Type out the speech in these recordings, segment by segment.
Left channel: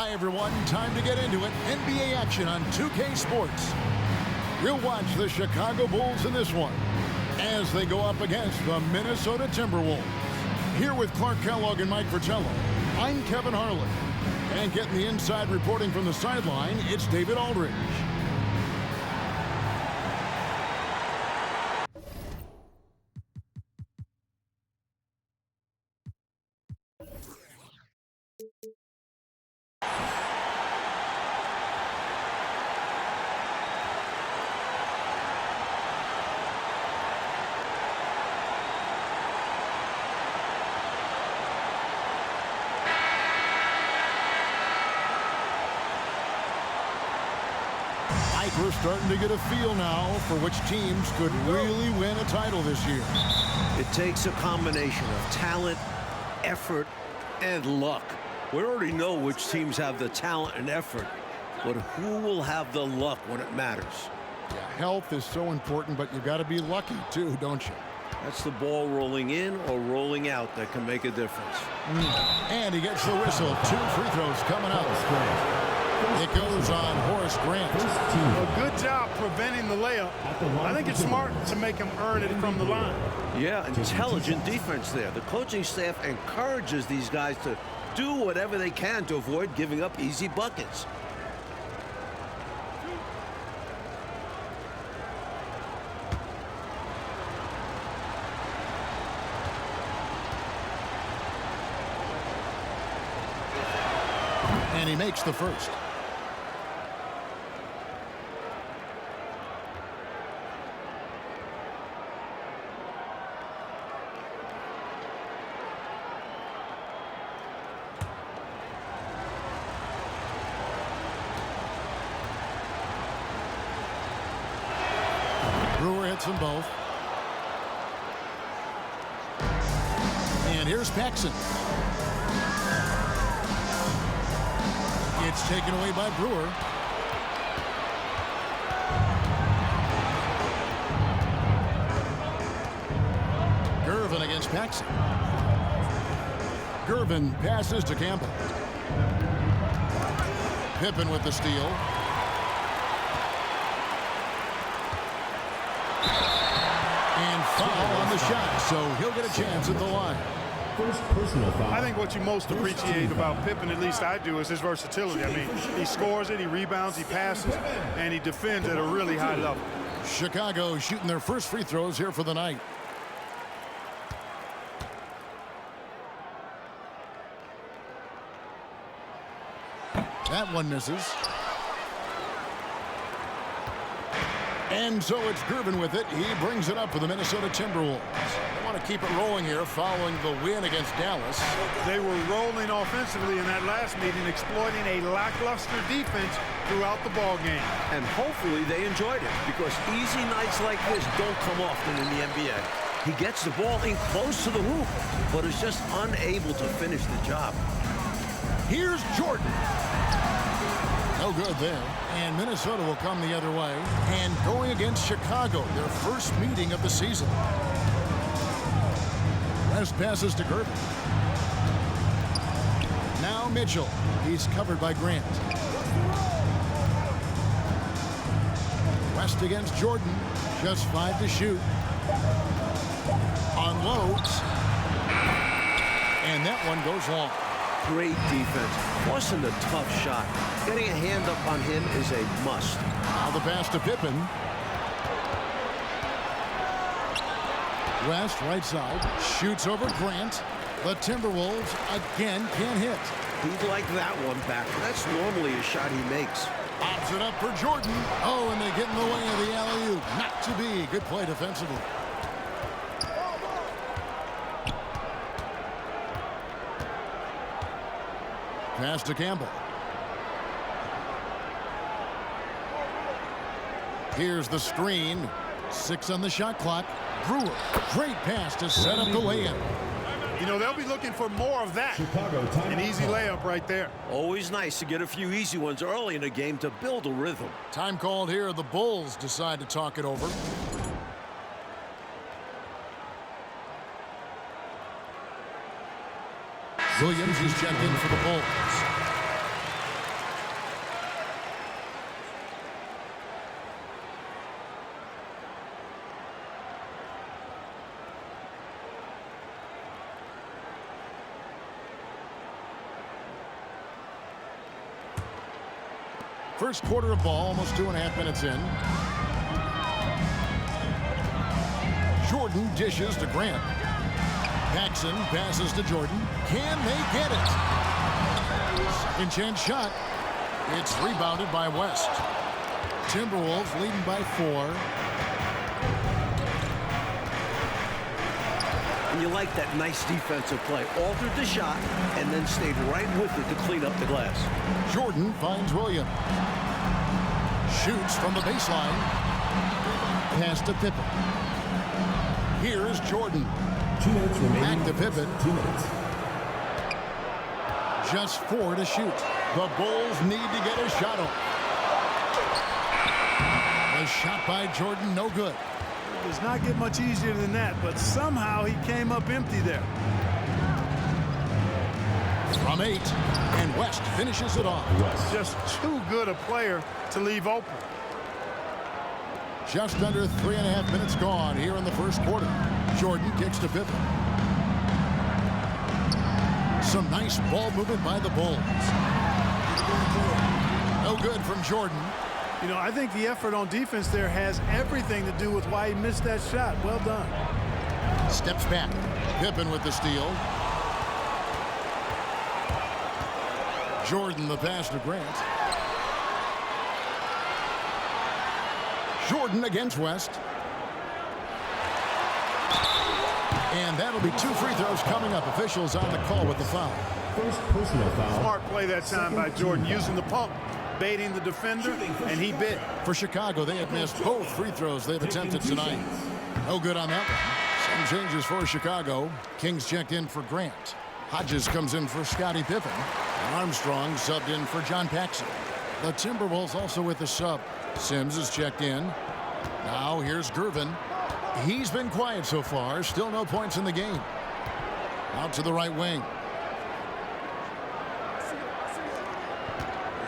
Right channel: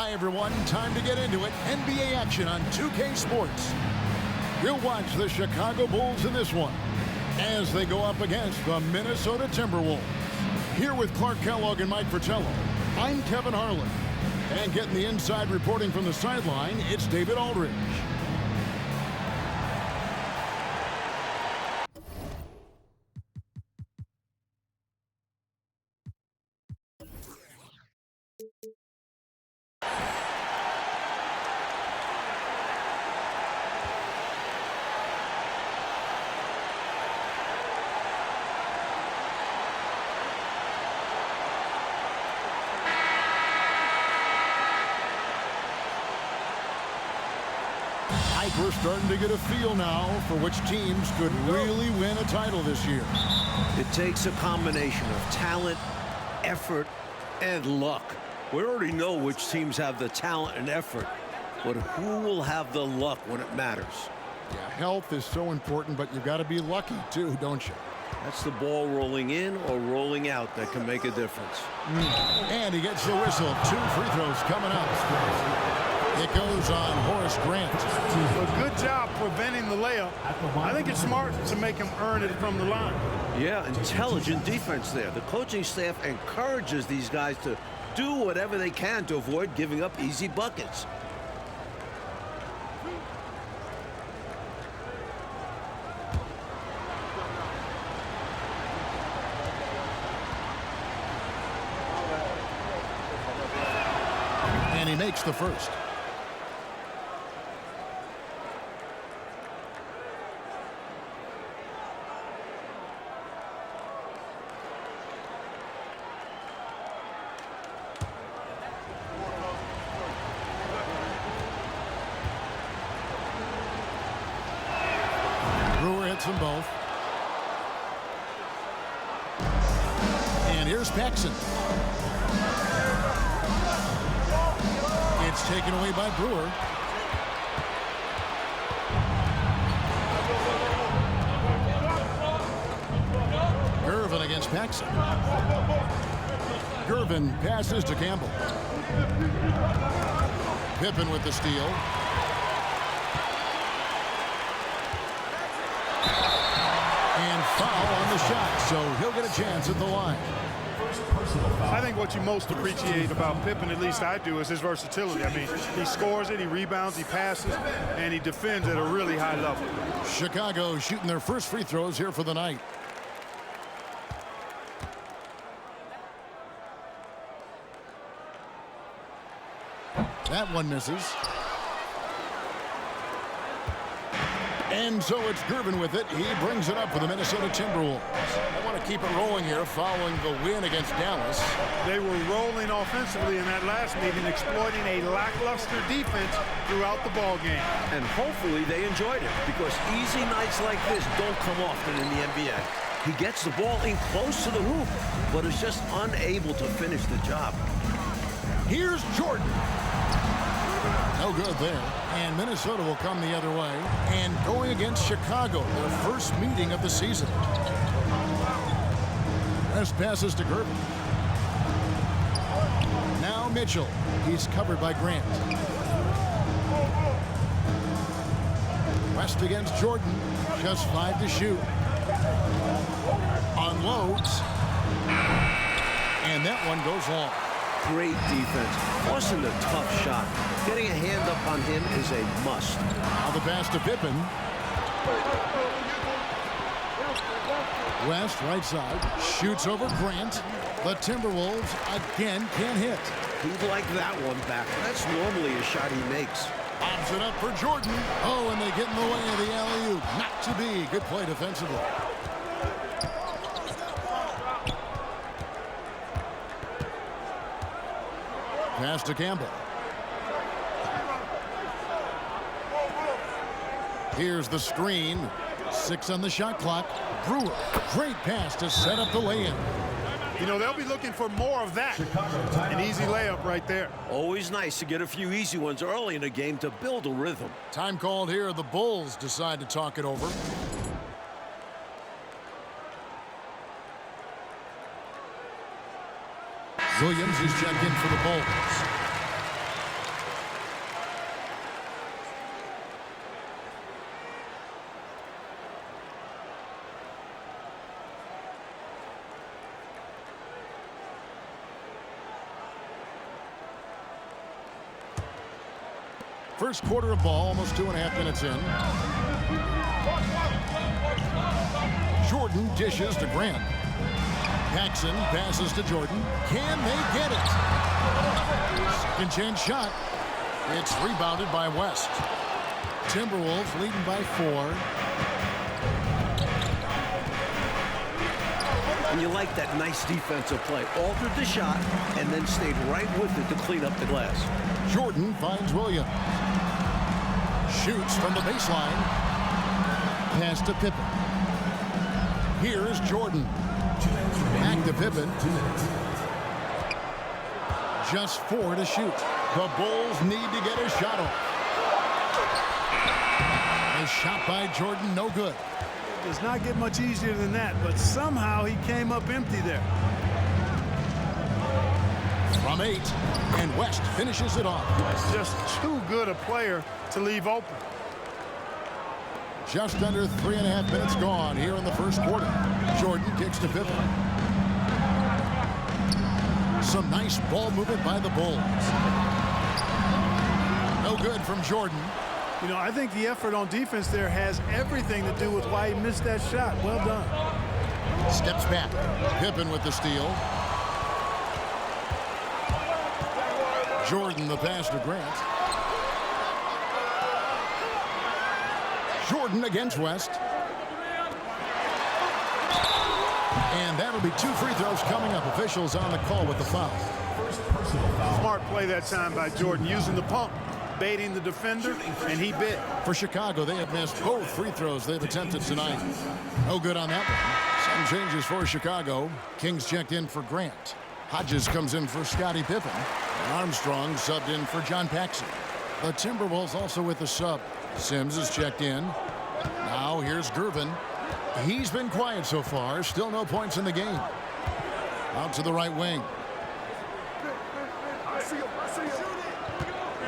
Hi, everyone. Time to get into it. NBA action on 2K Sports. We'll watch the Chicago Bulls in this one as they go up against the Minnesota Timberwolves. Here with Clark Kellogg and Mike Fratello, I'm Kevin Harlan. And getting the inside reporting from the sideline, it's David Aldridge. We're starting to get a feel now for which teams could really win a title this year. It takes a combination of talent, effort, and luck. We already know which teams have the talent and effort, but who will have the luck when it matters? Yeah, health is so important, but you've got to be lucky too, don't you? That's the ball rolling in or rolling out that can make a difference. And he gets the whistle. 2 free throws coming up. It goes on Horace Grant. A good job preventing the layup. I think it's smart to make him earn it from the line. Yeah, intelligent defense there. The coaching staff encourages these guys to do whatever they can to avoid giving up easy buckets. And he makes the first. Them both. And here's Paxson. It's taken away by Brewer. Gervin against Paxson. Gervin passes to Campbell. Pippen with the steal. And foul on the shot, so he'll get a chance at the line. First personal foul. I think what you most appreciate about Pippen, at least I do, is his versatility. I mean, he scores it, he rebounds, he passes, and he defends at a really high level. Chicago shooting their first free throws here for the night. That one misses. And so it's Gervin with it. He brings it up for the Minnesota Timberwolves. They want to keep it rolling here following the win against Dallas. They were rolling offensively in that last meeting, exploiting a lackluster defense throughout the ball game. And hopefully they enjoyed it, because easy nights like this don't come often in the NBA. He gets the ball in close to the hoop, but is just unable to finish the job. Here's Jordan. No good there. And Minnesota will come the other way. And going against Chicago, their first meeting of the season. West passes to Gervin. Now Mitchell. He's covered by Grant. West against Jordan. Just 5 to shoot. Unloads. And that one goes long. Great defense. Forcing the tough shot. Getting a hand up on him is a must. Now the pass to Pippen. West, right side, shoots over Grant. The Timberwolves again can't hit. He'd like that one back. That's normally a shot he makes. Bobs it up for Jordan. Oh, and they get in the way of the alley-oop. Not to be. Good play defensively. Pass to Campbell. Here's the screen. 6 on the shot clock. Brewer, great pass to set up the lay-in. You know, they'll be looking for more of that. An easy layup right there. Always nice to get a few easy ones early in a game to build a rhythm. Time called here. The Bulls decide to talk it over. Williams is checked in for the Bulls. First quarter of ball, almost 2.5 minutes in. Jordan dishes to Grant. Paxson passes to Jordan. Can they get it? Second chance shot. It's rebounded by West. Timberwolves leading by 4. And you like that nice defensive play. Altered the shot and then stayed right with it to clean up the glass. Jordan finds Williams. Shoots from the baseline. Pass to Pippen. Here's Jordan. 2 minutes remaining. Back to Pippen. 2 minutes. Just 4 to shoot. The Bulls need to get a shot off. A shot by Jordan, no good. It does not get much easier than that, but somehow he came up empty there. From 8, and West finishes it off. Just too good a player to leave open. Just under 3.5 minutes gone here in the first quarter. Jordan kicks to Pippen. Some nice ball movement by the Bulls. No good from Jordan. You know, I think the effort on defense there has everything to do with why he missed that shot. Well done. Steps back. Pippen with the steal. Jordan the pass to Grant. Jordan against West. And that'll be 2 free throws coming up. Officials on the call with the foul. First personal foul. Smart play that time by Jordan, using the pump, baiting the defender, and he bit. For Chicago, they have missed both free throws they've attempted tonight. No good on that one. Some changes for Chicago. Kings checked in for Grant. Hodges comes in for Scottie Pippen. And Armstrong subbed in for John Paxson. The Timberwolves also with the sub. Sims is checked in. Now here's Gervin. He's been quiet so far. Still no points in the game. Out to the right wing.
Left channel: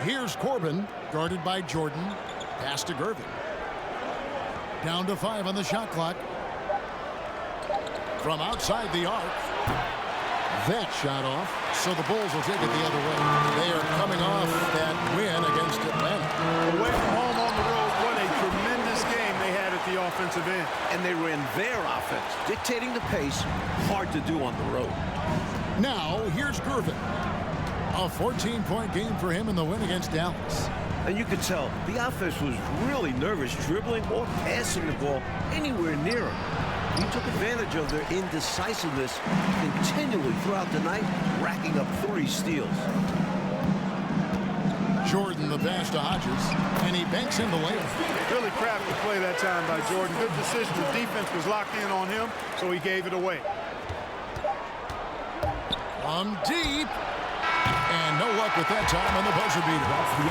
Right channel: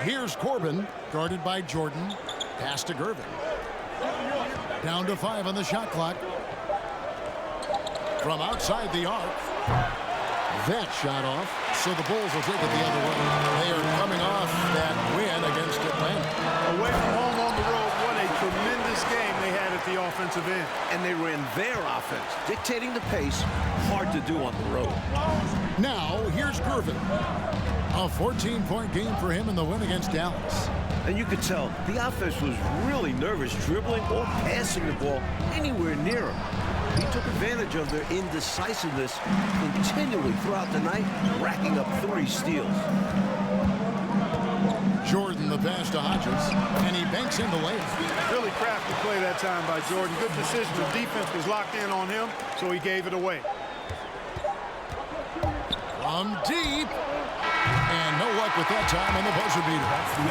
Here's Corbin, guarded by Jordan. Pass to Gervin. Down to 5 on the shot clock. From outside the arc. That shot off, so the Bulls will take it the other way. They are coming off that win against Atlanta. Away from home on the road, what a tremendous game they had at the offensive end. And they ran their offense, dictating the pace. Hard to do on the road. Now, here's Gervin. A 14-point game for him in the win against Dallas. And you could tell the offense was really nervous, dribbling or passing the ball anywhere near him. He took advantage of their indecisiveness continually throughout the night, racking up 3 steals. Jordan the pass to Hodges, and he banks in the layup. Really crafty play that time by Jordan. Good decision. The defense was locked in on him, so he gave it away. From deep. And no luck with that time on the buzzer beater.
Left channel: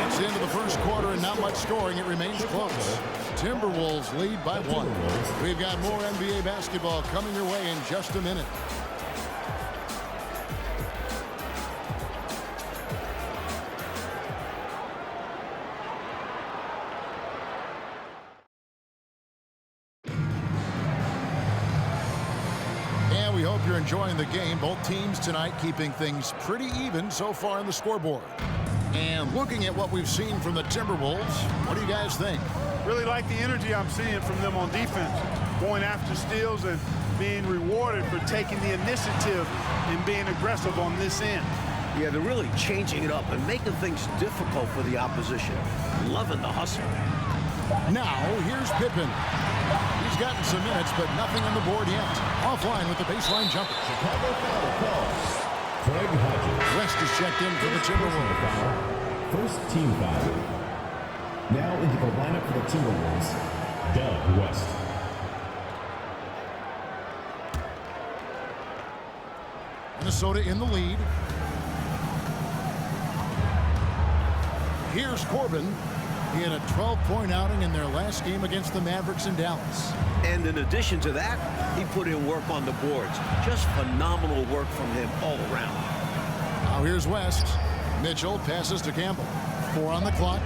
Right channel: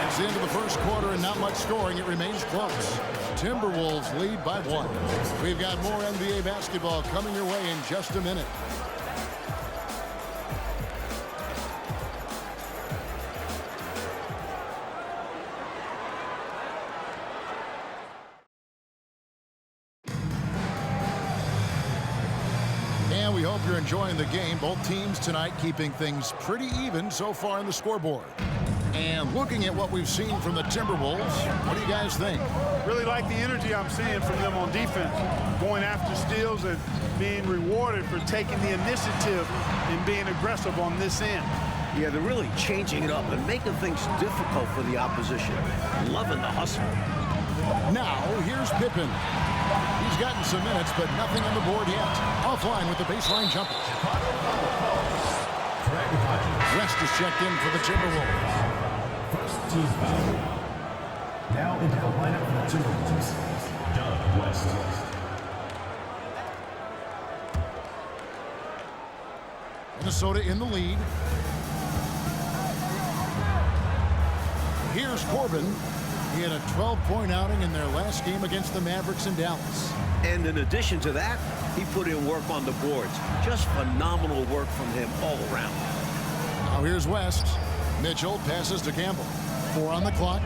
It's the end of the first quarter and not much scoring. It remains close. Timberwolves lead by 1. We've got more NBA basketball coming your way in just a minute. And we hope you're enjoying the game. Both teams tonight keeping things pretty even so far on the scoreboard. And looking at what we've seen from the Timberwolves, what do you guys think? Really like the energy I'm seeing from them on defense, going after steals and being rewarded for taking the initiative and being aggressive on this end. Yeah, they're really changing it up and making things difficult for the opposition. Loving the hustle. Now, here's Pippen. He's gotten some minutes, but nothing on the board yet. Offline with the baseline jumper. West is checked in for the Timberwolves. First team foul. Now into the lineup for the Timberwolves, Doug West. Minnesota in the lead. Here's Corbin. He had a 12-point outing in their last game against the Mavericks in Dallas. And in addition to that, he put in work on the boards. Just phenomenal work from him all around. Now here's West. Mitchell passes to Campbell. 4 on the clock.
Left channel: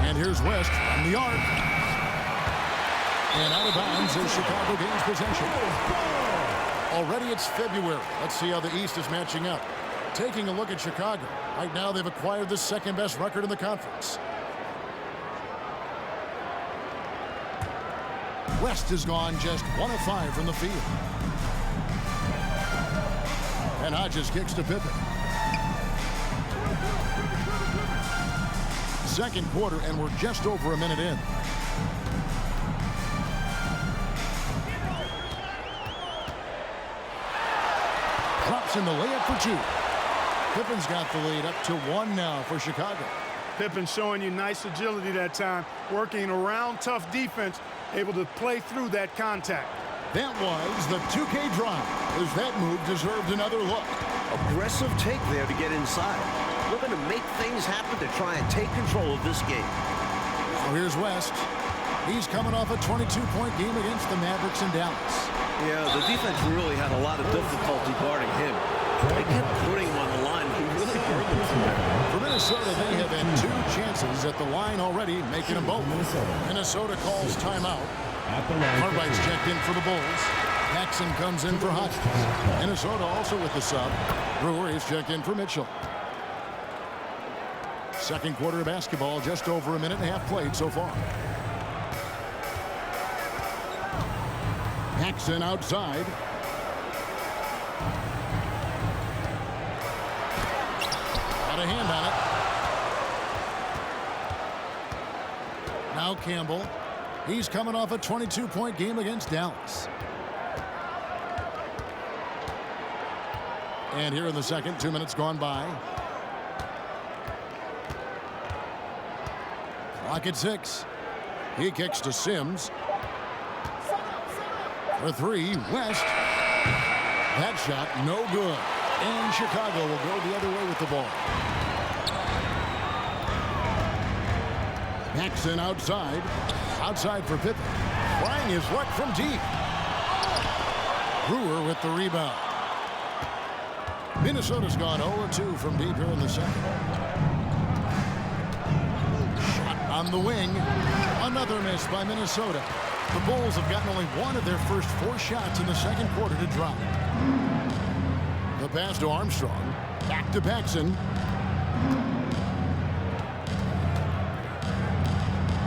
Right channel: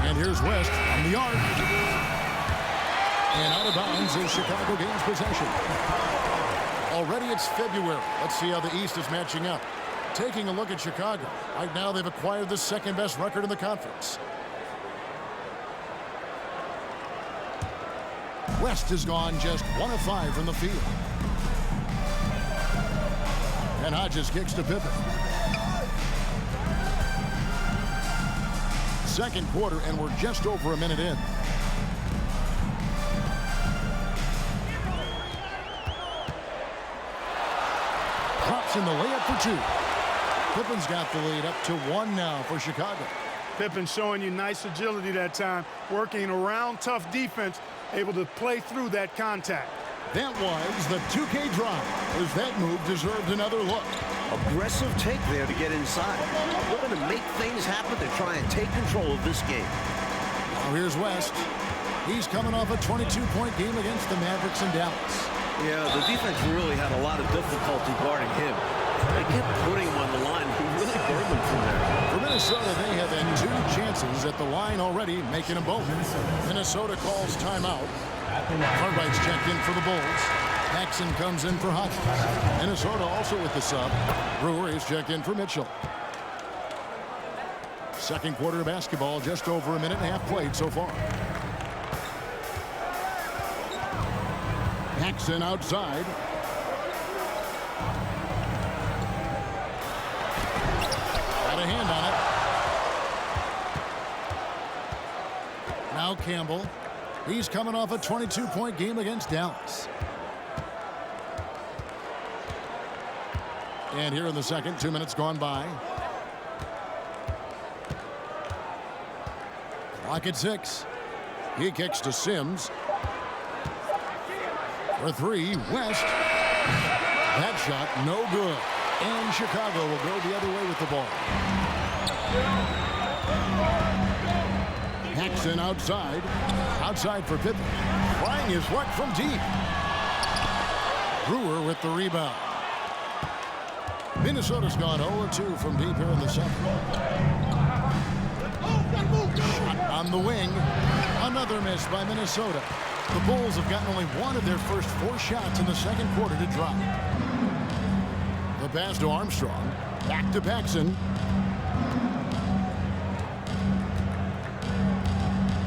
And here's West from the arc. And out of bounds as Chicago gains possession. Already it's February. Let's see how the East is matching up. Taking a look at Chicago. Right now, they've acquired the second-best record in the conference. West has gone just 1 of 5 from the field. And Hodges kicks to Pippen. Second quarter, and we're just over a minute in. Drops in the layup for 2. Pippen's got the lead up to 1 now for Chicago. Pippen showing you nice agility that time, working around tough defense, able to play through that contact. That was the 2K drive, as that move deserved another look. Aggressive take there to get inside. Looking to make things happen to try and take control of this game. Now here's West. He's coming off a 22-point game against the Mavericks in Dallas. Yeah, the defense really had a lot of difficulty guarding him. They kept putting him on the line. He really burned them from there. For Minnesota, they have had 2 chances at the line already, making them both. Minnesota calls timeout. Cartwright's checked in for the Bulls. Paxson comes in for Hodges. Minnesota also with the sub. Brewer is checked in for Mitchell. Second quarter of basketball, just over a minute and a half played so far. Paxson outside. Got a hand on it. Now Campbell. He's coming off a 22-point game against Dallas. And here in the second, 2 minutes gone by. Clock at 6. He kicks to Sims. For 3, West. That shot, no good. And Chicago will go the other way with the ball. Paxson outside. Outside for Pippen. Trying his luck from deep. Brewer with the rebound. Minnesota's gone 0-2 from deep here in the second. Shot on the wing. Another miss by Minnesota. The Bulls have gotten only 1 of their first 4 shots in the second quarter to drop. The pass to Armstrong. Back to Paxson.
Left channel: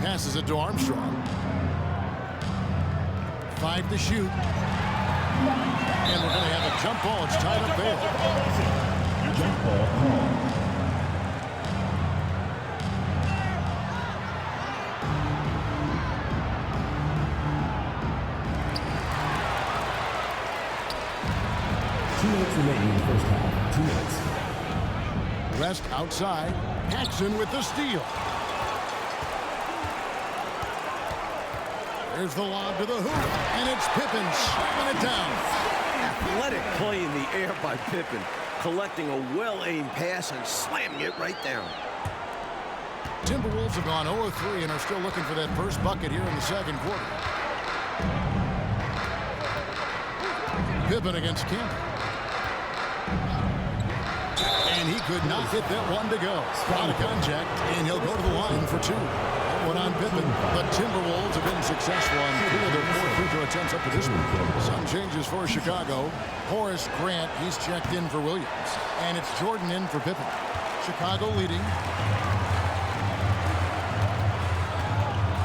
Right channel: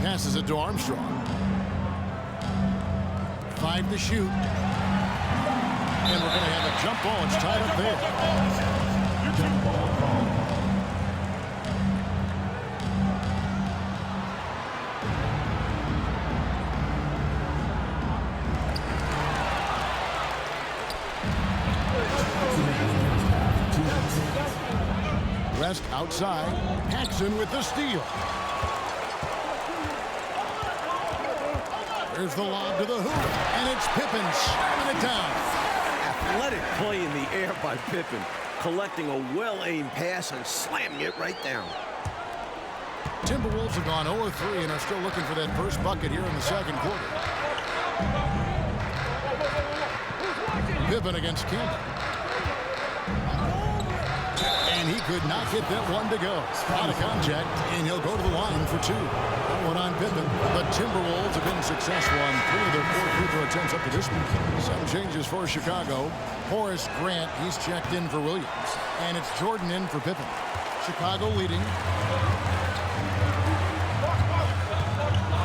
Passes it to Armstrong. 5 to shoot. And we're going to have a jump ball. It's tied up there. Jump ball call. West outside. Paxson with the steal. There's the lob to the hoop, and it's Pippen slamming it down. Athletic play in the air by Pippen, collecting a well-aimed pass and slamming it right down. Timberwolves have gone 0-3 and are still looking for that first bucket here in the second quarter. Pippen against Campbell. And he could not get that one to go. Out of contact, and he'll go to the line for 2. That one on Pippen. The Timberwolves have been successful on 3 of their 4 free throw attempts up to this point. Some changes for Chicago. Horace Grant, he's checked in for Williams. And it's Jordan in for Pippen. Chicago leading.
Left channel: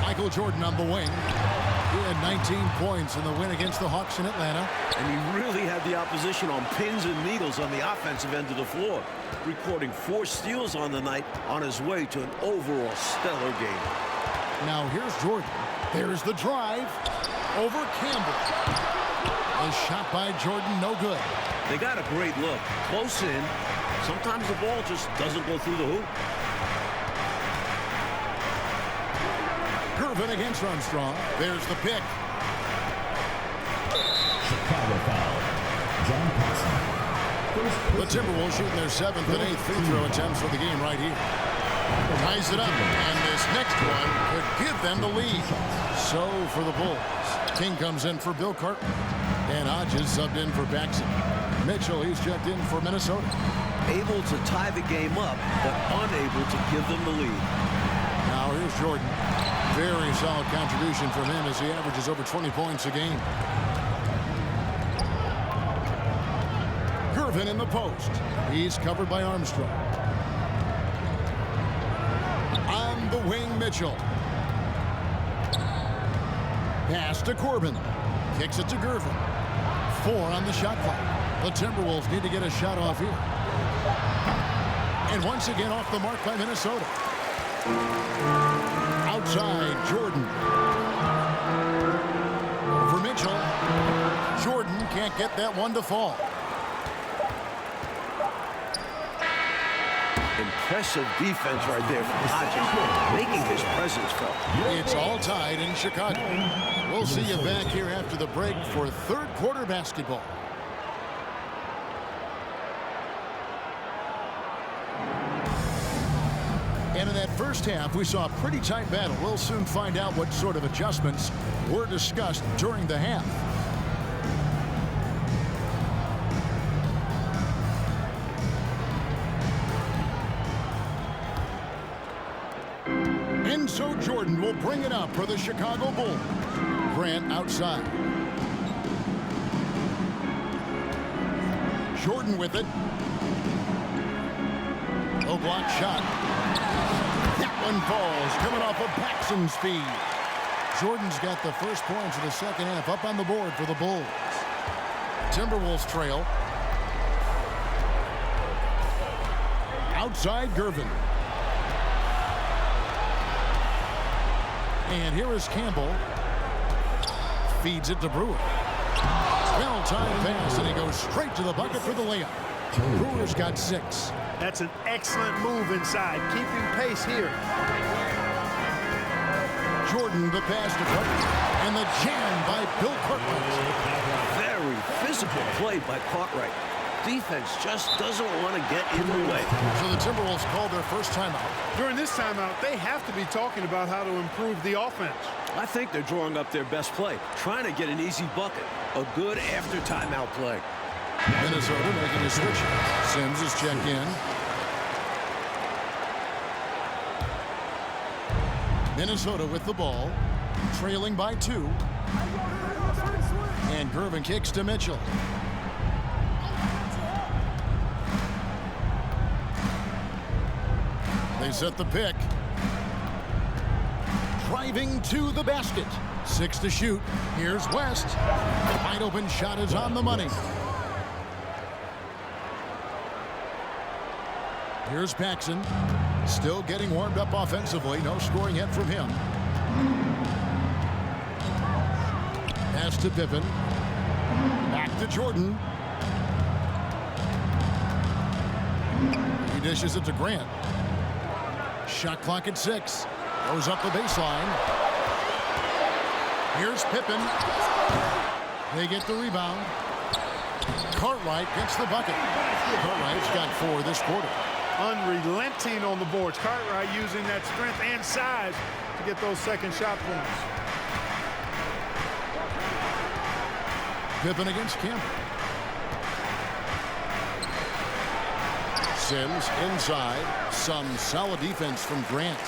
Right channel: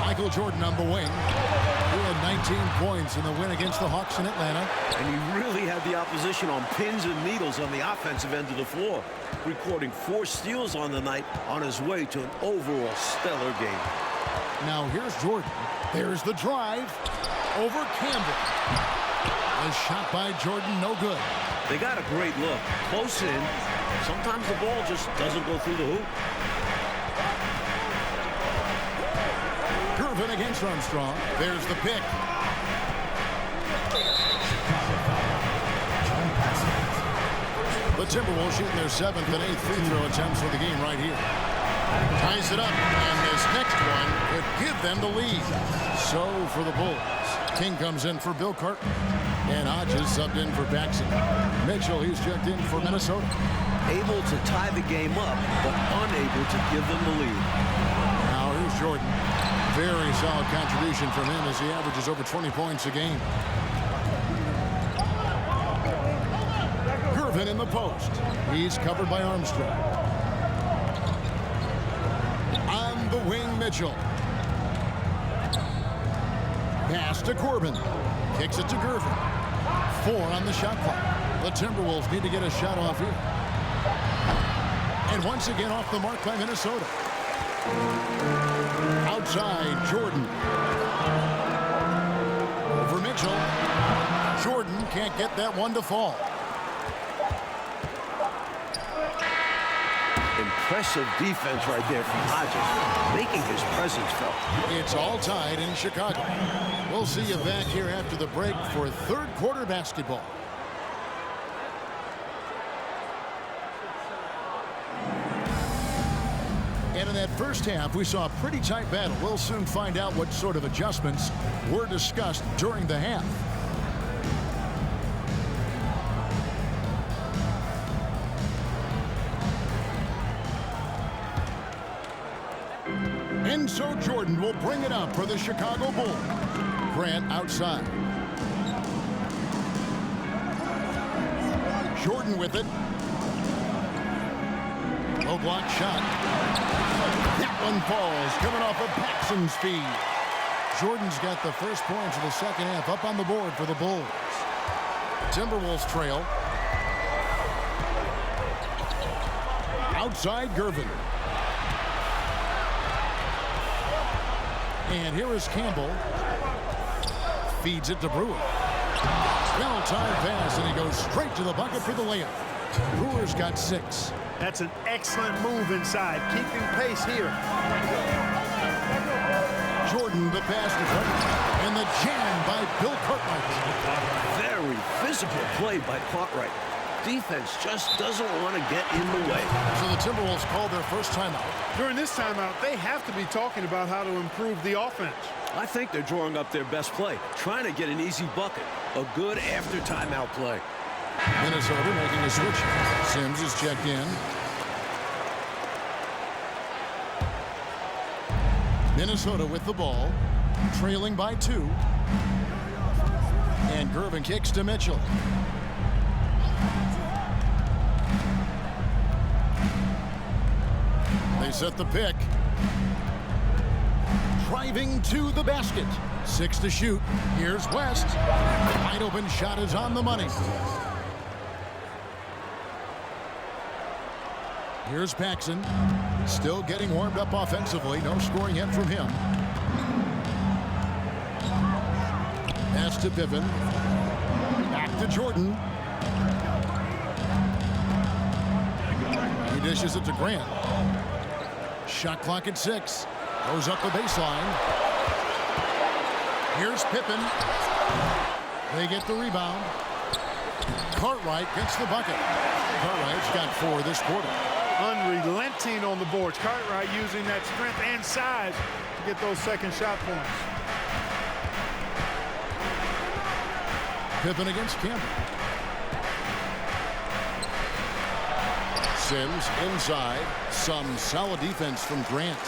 Michael Jordan on the wing. He had 19 points in the win against the Hawks in Atlanta. And he really had the opposition on pins and needles on the offensive end of the floor, recording 4 steals on the night on his way to an overall stellar game. Now here's Jordan. There's the drive over Campbell. A shot by Jordan, no good. They got a great look. Close in. Sometimes the ball just doesn't go through the hoop. Gervin against Armstrong. There's the pick. Chicago foul. John Paxson. The Timberwolves shooting their 7th and 8th free throw attempts for the game right here. Ties it up, and this next one could give them the lead. So for the Bulls, King comes in for Bill Cartman, and Hodges subbed in for Paxson. Mitchell, he's checked in for Minnesota. Able to tie the game up, but unable to give them the lead. Now here's Jordan. Very solid contribution from him as he averages over 20 points a game. Gervin in the post. He's covered by Armstrong. On the wing, Mitchell. Pass to Corbin. Kicks it to Gervin. 4 on the shot clock. The Timberwolves need to get a shot off here. And once again off the mark by Minnesota. Outside, Jordan. Over Mitchell. Jordan can't get that one to fall. Impressive defense right there from Hodges, making his presence felt. It's all tied in Chicago. We'll see you back here after the break for third quarter basketball. And in that first half, we saw a pretty tight battle. We'll soon find out what sort of adjustments were discussed during the half. And so Jordan will bring it up for the Chicago Bulls. Grant outside. Jordan with it. Low block shot. That one falls, coming off of Paxson's feed. Jordan's got the first points of the second half up on the board for the Bulls. Timberwolves trail. Outside Gervin. And here is Campbell. Feeds it to Brewer. Well-timed pass, and he goes straight to the bucket for the layup. Brewer's got 6. That's an excellent move inside, keeping pace here. Jordan, the pass to Cartwright, and the jam by Bill Cartwright. Very physical play by Cartwright. Defense just doesn't want to get in the way. So the Timberwolves called their first timeout. During this timeout, they have to be talking about how to improve the offense. I think they're drawing up their best play, trying to get an easy bucket. A good after timeout play. Minnesota making a switch. Sims is checked in. Minnesota with the ball, trailing by 2. And Gervin kicks to Mitchell. They set the pick. Driving to the basket. 6 to shoot. Here's West. Wide open shot is on the money. Here's Paxson. Still getting warmed up offensively. No scoring yet from him. Pass to Pippen. Back to Jordan. He dishes it to Grant. Shot clock at 6. Goes up the baseline. Here's Pippen. They get the rebound. Cartwright gets the bucket. Cartwright's got 4 this quarter. Unrelenting on the boards. Cartwright using that strength and size to get those second shot points. Pippen against Campbell. Sims inside. Some solid defense from Grant.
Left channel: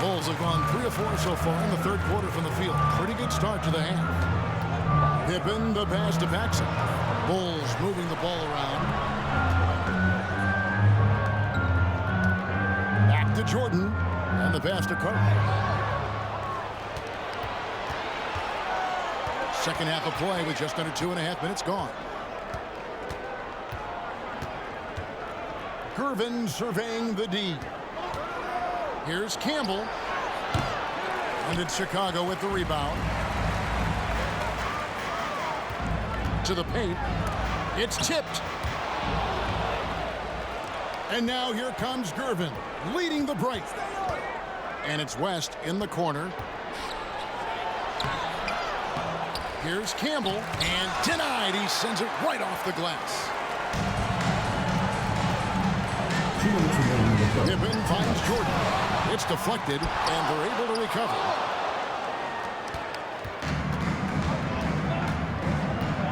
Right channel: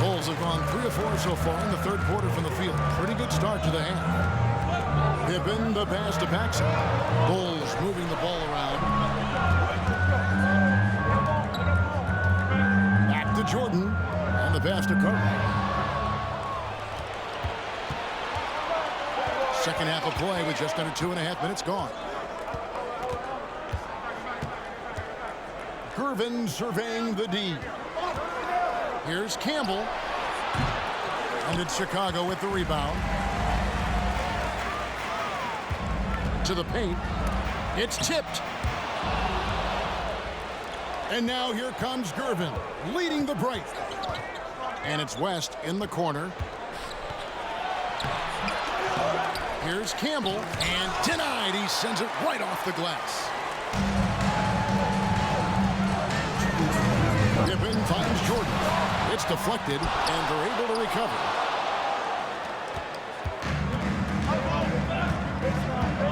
Bulls have gone 3 of 4 so far in the third quarter from the field. Pretty good start to the half. Pippen, the pass to Paxson. Bulls moving the ball around. Back to Jordan. And the pass to Cartwright. Second half of play with just under 2.5 minutes gone. Gervin surveying the D. Here's Campbell. And it's Chicago with the rebound. To the paint. It's tipped. And now here comes Gervin, leading the break. And it's West in the corner. Here's Campbell, and denied. He sends it right off the glass. Pippen finds Jordan. It's deflected, and they're able to recover.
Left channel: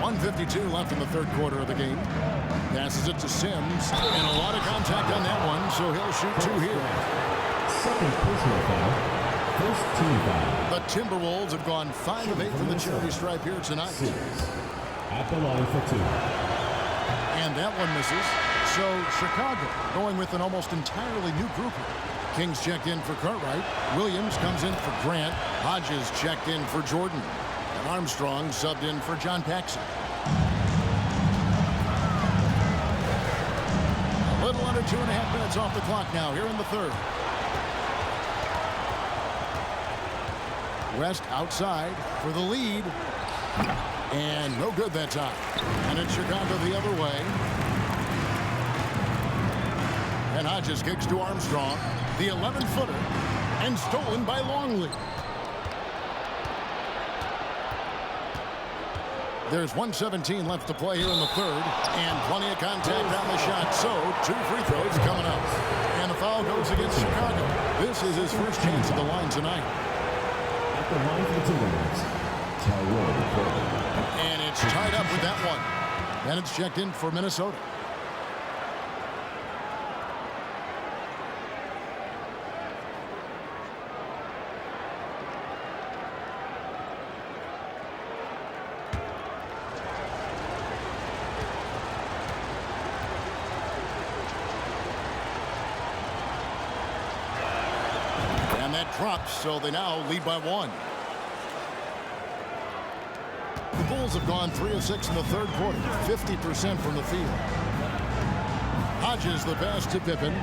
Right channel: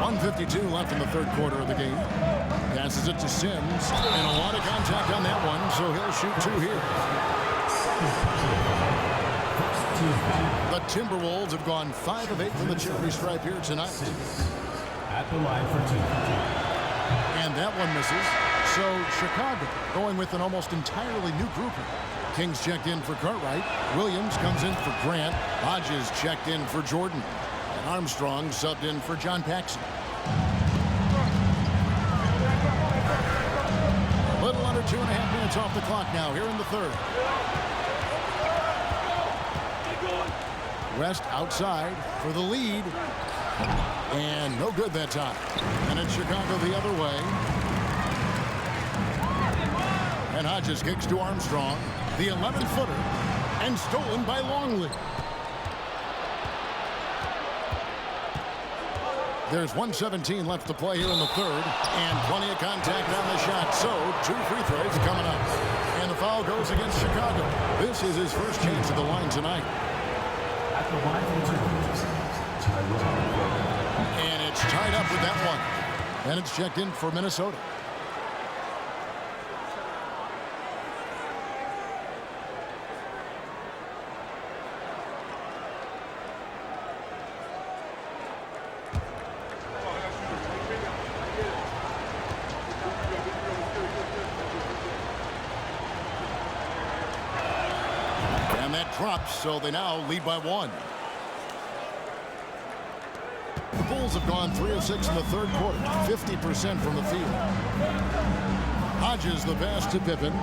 .152 left in the third quarter of the game. Passes it to Sims, and a lot of contact on that one, so he'll shoot 2 here. The Timberwolves have gone 5 of 8 from the charity stripe here tonight. At the line for 2. And that one misses. So Chicago going with an almost entirely new group here. King's checked in for Cartwright. Williams comes in for Grant. Hodges checked in for Jordan. And Armstrong subbed in for John Paxson. A little under 2.5 minutes off the clock now here in the third. West outside for the lead. And no good that time. And it's Chicago the other way. And Hodges kicks to Armstrong. The 11-footer. And stolen by Longley. There's 1:17 left to play here in the third. And plenty of contact on the shot. So 2 free throws coming up. And the foul goes against Chicago. This is his first chance at the line tonight. At the line for the Timberwolves, Tyrone. And it's tied up with that one. And it's checked in for Minnesota. And that drops, so they now lead by 1. The Bulls have gone 3 of 6 in the third quarter, 50% from the field. Hodges the pass to Pippen.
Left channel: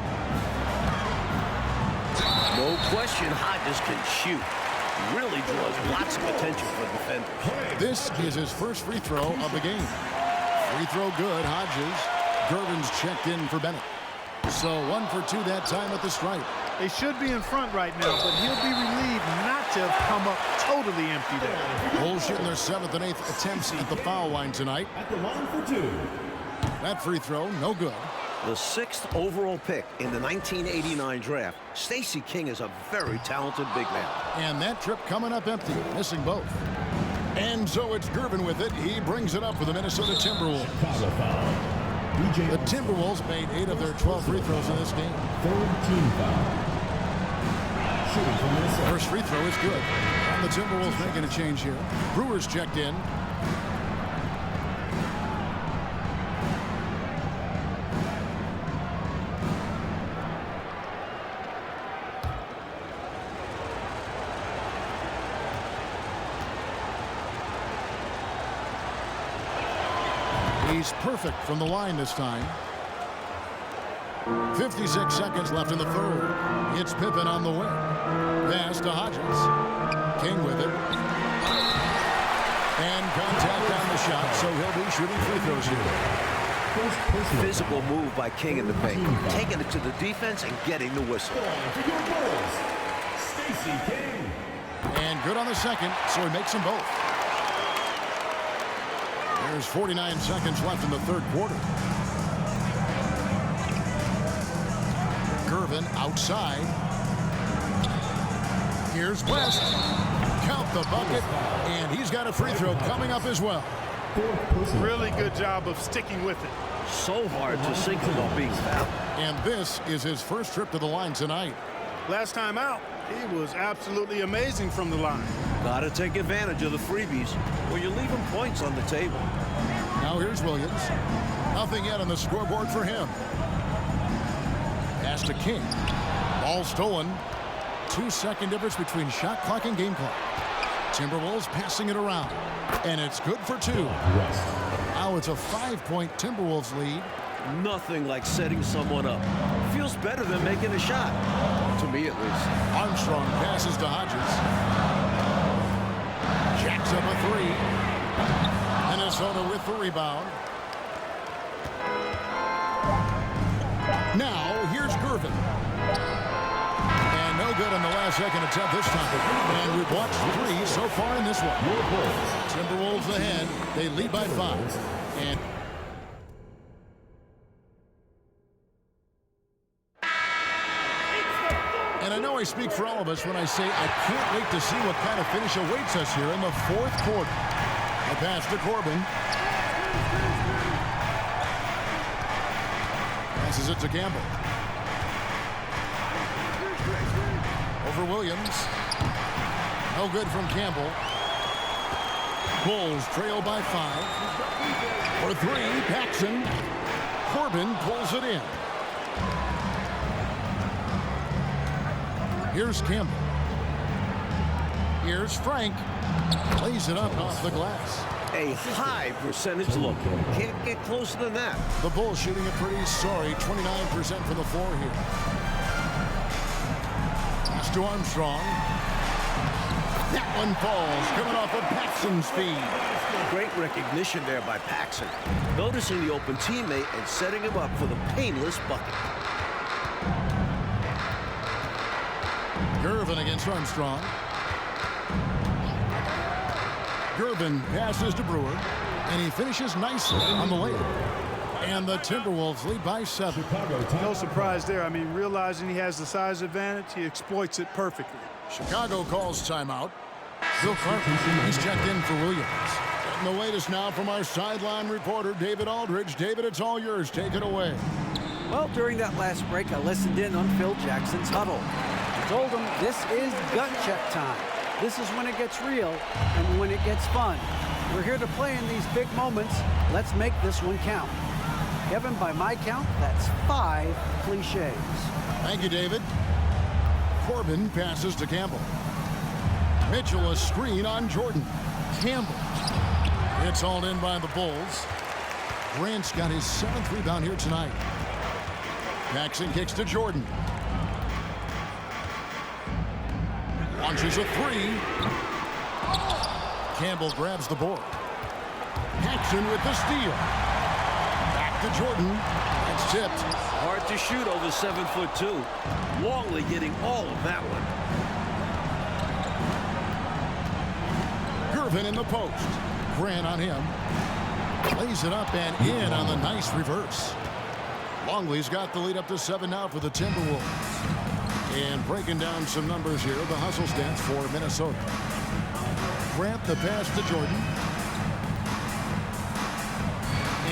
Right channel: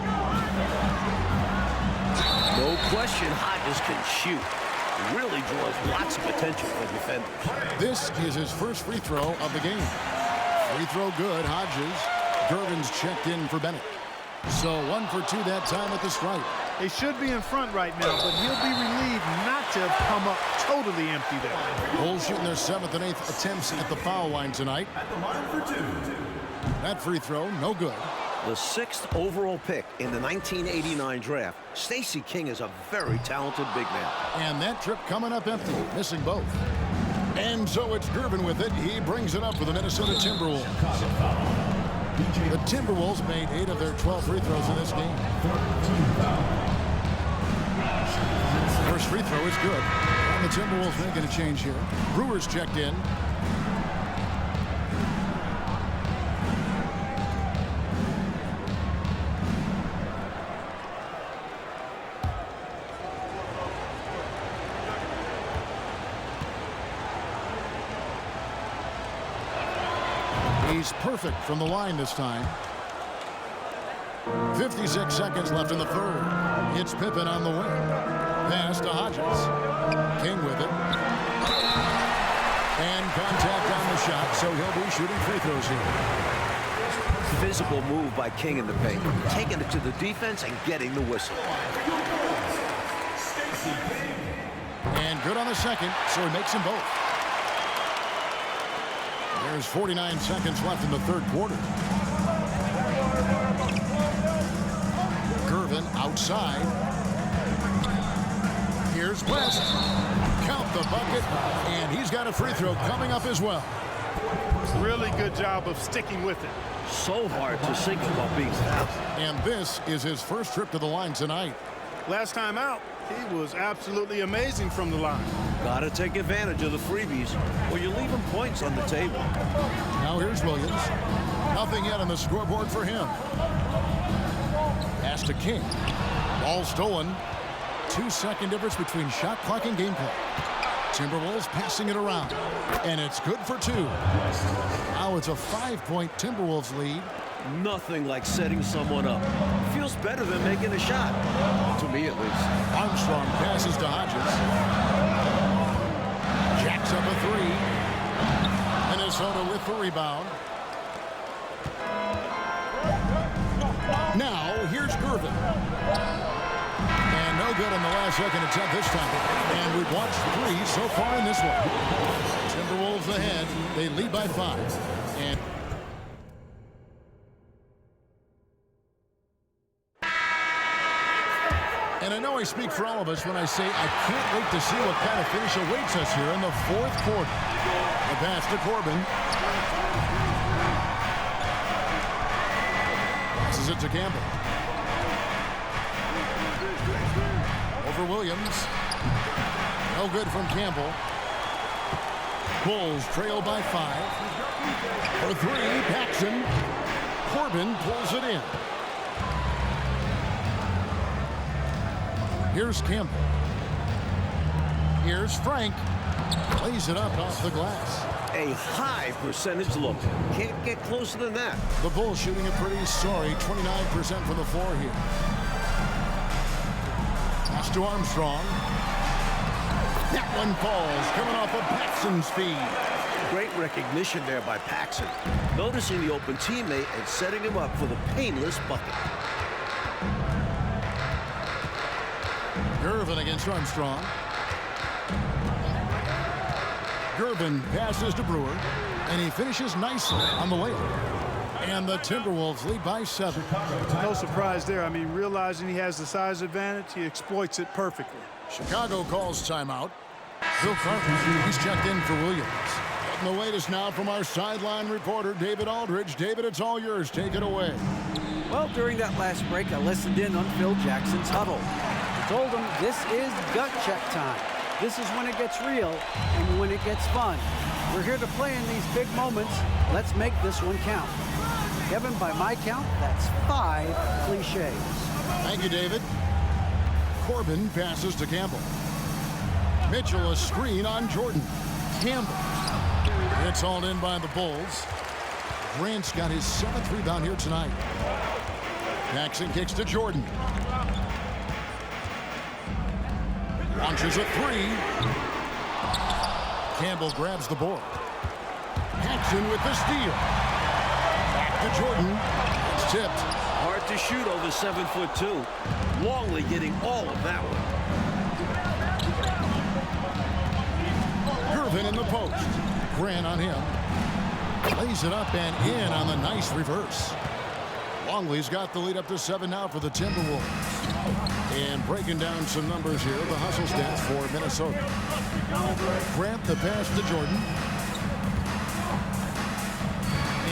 No question Hodges can shoot. Really draws lots of attention from defenders. This is his first free throw of the game. Free throw good, Hodges. Gervin's checked in for Bennett. So 1 for 2 that time at the stripe. They should be in front right now, but he'll be relieved not to have come up totally empty there. Bulls shooting their 7th and 8th attempts at the foul line tonight. At the line for 2. That free throw, no good. The 6th overall pick in the 1989 draft, Stacey King is a very talented big man. And that trip coming up empty, missing both. And so it's Gervin with it. He brings it up for the Minnesota Timberwolves. Chicago foul. The Timberwolves made 8 of their 12 free throws in this game. Third team foul. Shooting from Minnesota. First free throw is good. And the Timberwolves making a change here. Brewers checked in. He's perfect from the line this time. 56 seconds left in the third. It's Pippen on the wing. Pass to Hodges. King with it. And contact on the shot, so he'll be shooting free throws here. Physical move by King in the paint. Taking it to the defense and getting the whistle. Stacey King. And good on the second, so he makes them both. There's 49 seconds left in the third quarter. Gervin outside. Here's West. Count the bucket, and he's got a free throw coming up as well. Really good job of sticking with it. So hard to sink him while being fouled. And this is his first trip to the line tonight. Last time out, he was absolutely amazing from the line. Gotta take advantage of the freebies, or you're leaving points on the table. Now here's Williams. Nothing yet on the scoreboard for him. Pass to King. Ball stolen. 2-second difference between shot clock and game clock. Timberwolves passing it around. And it's good for 2. Now it's a 5-point Timberwolves lead. Nothing like setting someone up. Feels better than making a shot. To me, at least. Armstrong passes to Hodges. Jacks up a 3. Minnesota with the rebound. Now, here's Gervin. And no good on the last second attempt this time. And we've watched 3 so far in this one. Timberwolves ahead. They lead by 5. And I know I speak for all of us when I say I can't wait to see what kind of finish awaits us here in the fourth quarter. The pass to Corbin. Passes it to Campbell. Over Williams. No good from Campbell. Bulls trail by 5. For 3, Paxson. Corbin pulls it in. Here's Campbell. Here's Frank. Lays it up off the glass. A high percentage look. Can't get closer than that. The Bulls shooting a pretty sorry 29% from the floor here. Pass to Armstrong. That one falls, coming off of Paxson's feed. Great recognition there by Paxson. Noticing the open teammate and setting him up for the painless bucket. Gervin against Armstrong. Gervin passes to Brewer, and he finishes nicely on the layup. And the Timberwolves lead by 7. No surprise there. I mean, realizing he has the size advantage, he exploits it perfectly. Chicago calls timeout. Bill Carter, he's checked in for Williams. Getting the latest now from our sideline reporter, David Aldridge. David, it's all yours. Take it away. Well, during that last break, I listened in on Phil Jackson's huddle. I told him this is gut check time. This is when it gets real and when it gets fun. We're here to play in these big moments. Let's make this one count. Kevin, by my count, that's 5 cliches. Thank you, David. Corbin passes to Campbell. Mitchell a screen on Jordan. Campbell. It's hauled in by the Bulls. Grant's got his 7th rebound here tonight. Paxson kicks to Jordan. Launches a 3. Campbell grabs the board. Paxson with the steal. Back to Jordan. It's tipped. Hard to shoot over 7'2". Longley getting all of that one. Gervin in the post. Grant on him. Lays it up and in on the nice reverse. Longley's got the lead up to 7 now for the Timberwolves. And breaking down some numbers here, the hustle stats for Minnesota. Grant the pass to Jordan.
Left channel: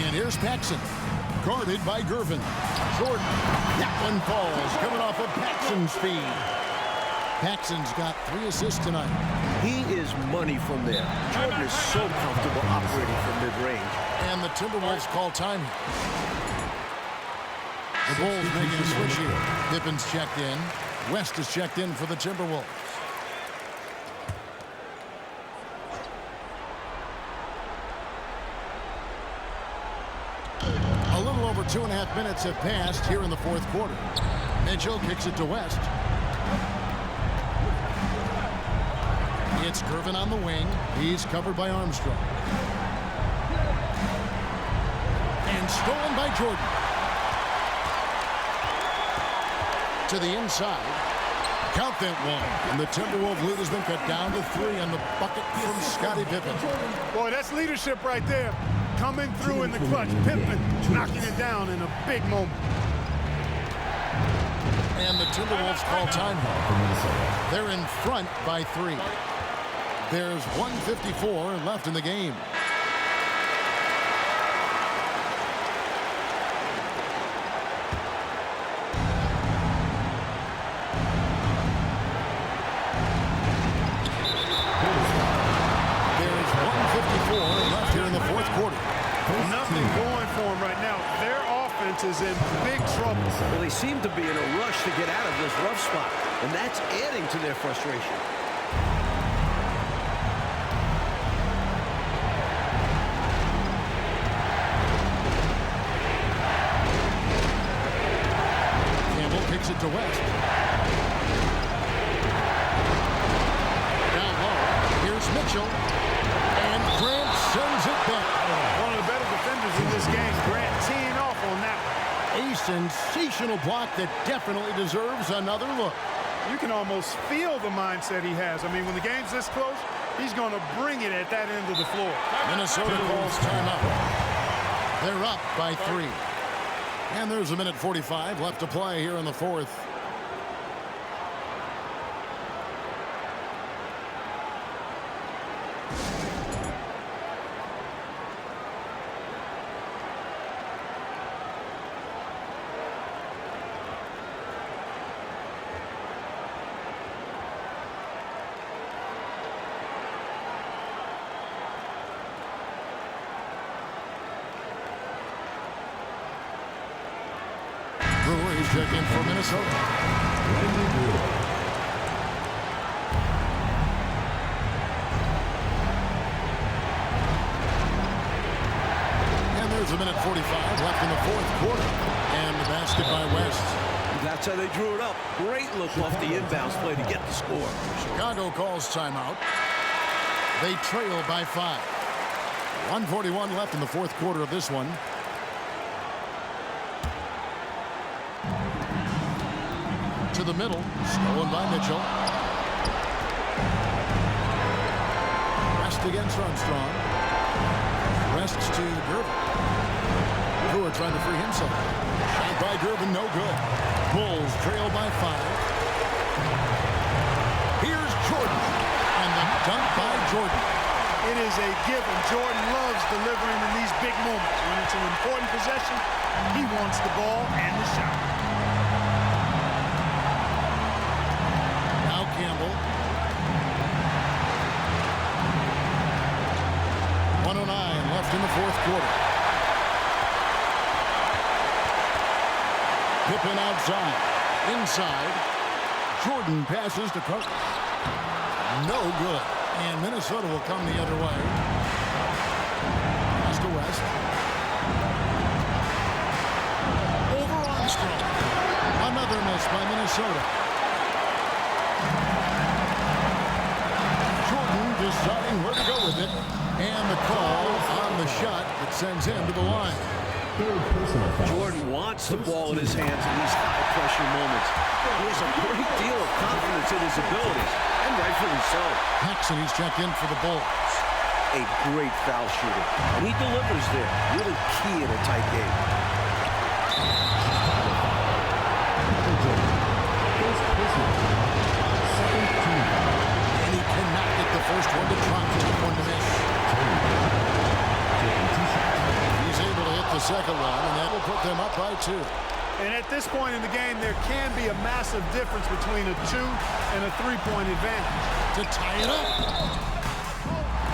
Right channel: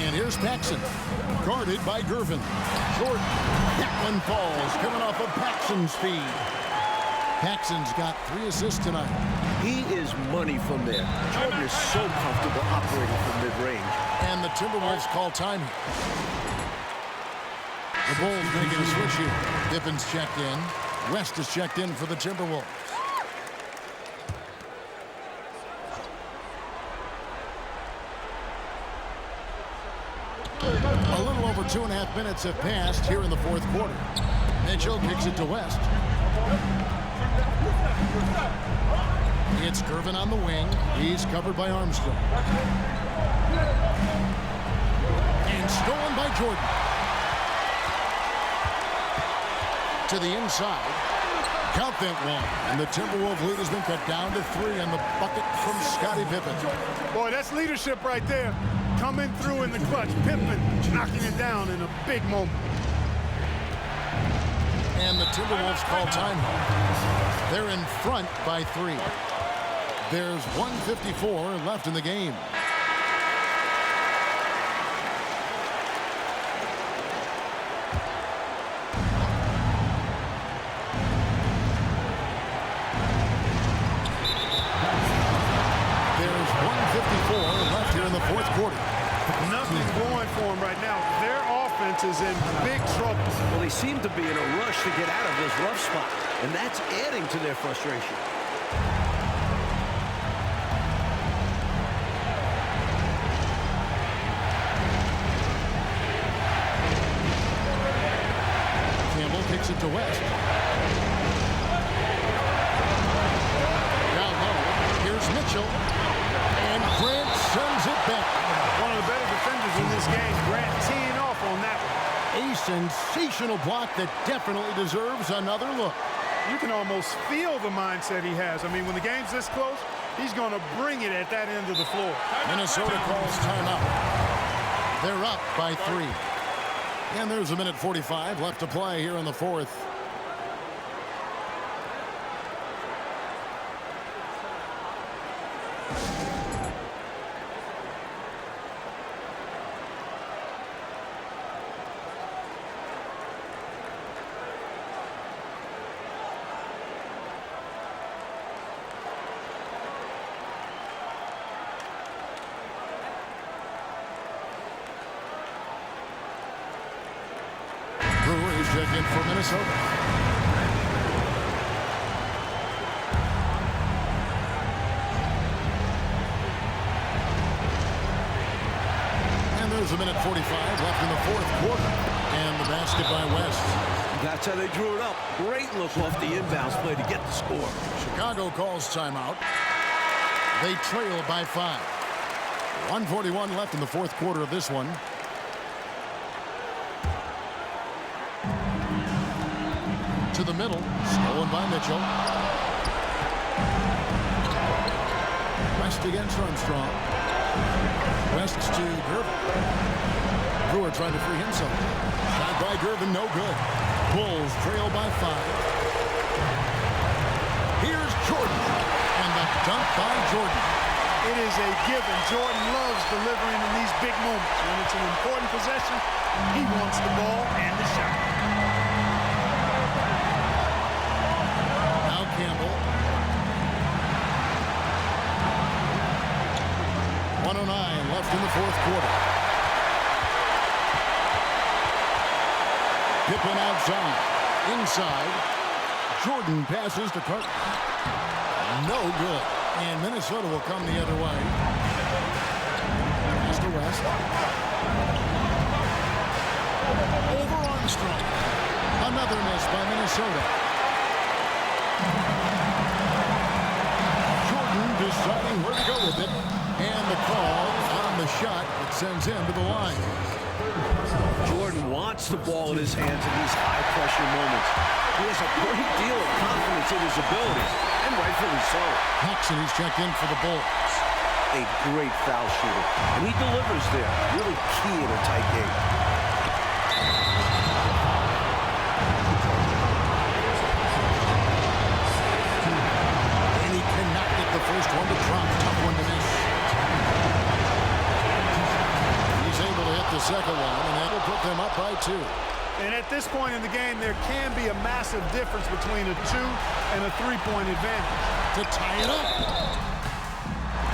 And here's Paxson. Guarded by Gervin. Jordan. That one falls, coming off of Paxson's feed. Paxson's got 3 assists tonight. He is money from there. Jordan is so comfortable operating from mid-range. And the Timberwolves call time here. The Bulls making a switch here. Pippen's checked in. West is checked in for the Timberwolves. A little over 2.5 minutes have passed here in the 4th quarter. Mitchell kicks it to West. It's Gervin on the wing. He's covered by Armstrong. And stolen by Jordan. To the inside. Count that one. And the Timberwolves lead has been cut down to 3 on the bucket from Scottie Pippen. Boy, that's leadership right there. Coming through in the clutch. Pippen knocking it down in a big moment. And the Timberwolves call time here. They're in front by 3. There's 1:54 left in the game. There's 1:54 left here in the 4th quarter. Nothing going for them right now. Their offense is in big trouble. Well, they seem to be in a rush to get out of this rough spot, and that's adding to their frustration. Campbell kicks it to West. Down low. Here's Mitchell. And Grant sends it back. One of the better defenders in this game. Grant teeing off on that one. A sensational block that definitely deserves another look. You can almost feel the mindset he has. I mean, when the game's this close, he's going to bring it at that end of the floor. Minnesota calls timeout. They're up by 3. And there's 1:45 left to play here in the 4th. Brewer is checked in for Minnesota. And there's a minute 45 left in the fourth quarter. And the basket by West. That's how they drew it up. Great look off the inbounds play to get the score. Chicago calls timeout. They trail by 5. 1:41 left in the fourth quarter of this one. To the middle, stolen by Mitchell. West against Armstrong. West's to Gervin. Brewer trying to free himself. Shot by Gervin, no good. Bulls trail by 5. Here's Jordan, and the dunk by Jordan. It is a given. Jordan loves delivering in these big moments. When it's an important possession, he wants the ball and the shot. Now Campbell. 1:09 left in the fourth quarter. Pippen outside. Inside. Jordan passes to Carter. No good. And Minnesota will come the other way. Pass to West. Over Armstrong. Another miss by Minnesota. Jordan deciding where to go with it. And the call on the shot that sends him to the line. Jordan wants the ball in his hands in these high-pressure moments. He has a great deal of confidence in his abilities, and rightfully so. Paxson, he's checked in for the Bulls. A great foul shooter, and he delivers there. Really key in a tight game. And he cannot get the first one to drop. Tough one to miss. He's able to hit the second one, and that will put them up by 2. And at this point in the game, there can be a massive difference between a 2 and a 3-point advantage. To tie it up.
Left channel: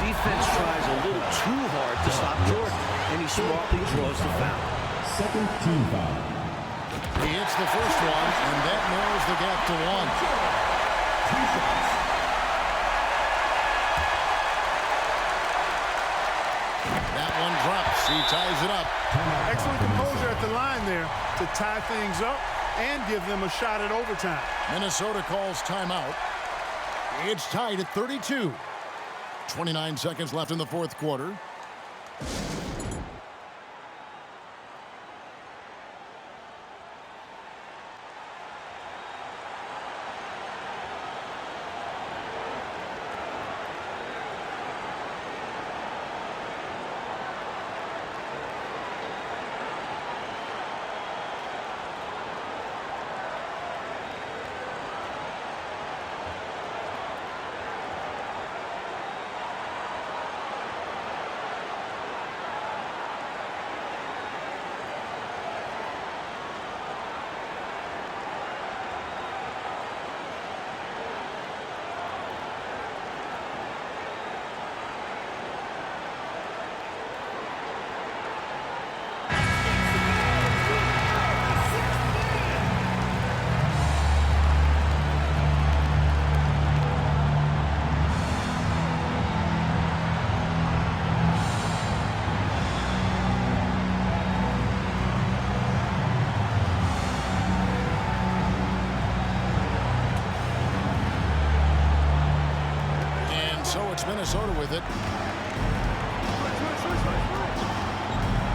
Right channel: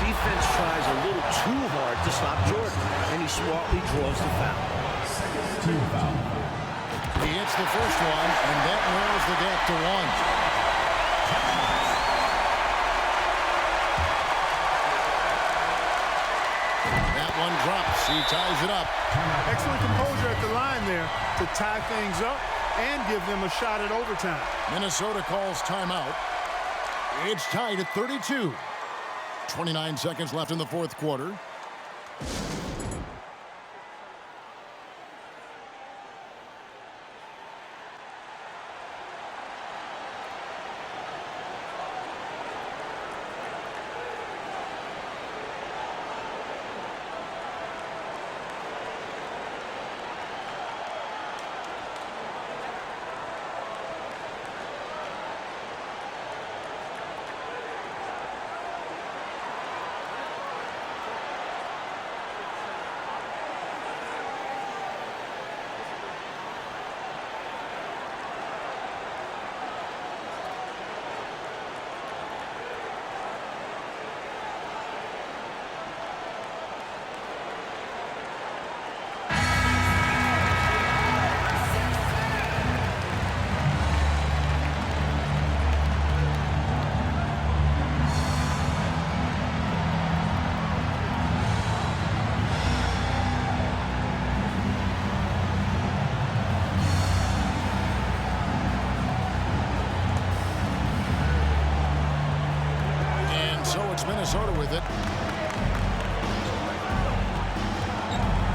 Defense tries a little too hard to stop Jordan, and he smartly draws the foul. Second team foul. He hits the first one, and that narrows the gap to 1. That one drops. He ties it up. Excellent composure at the line there to tie things up and give them a shot at overtime. Minnesota calls timeout. It's tied at 32. 29 seconds left in the fourth quarter. So it's Minnesota with it.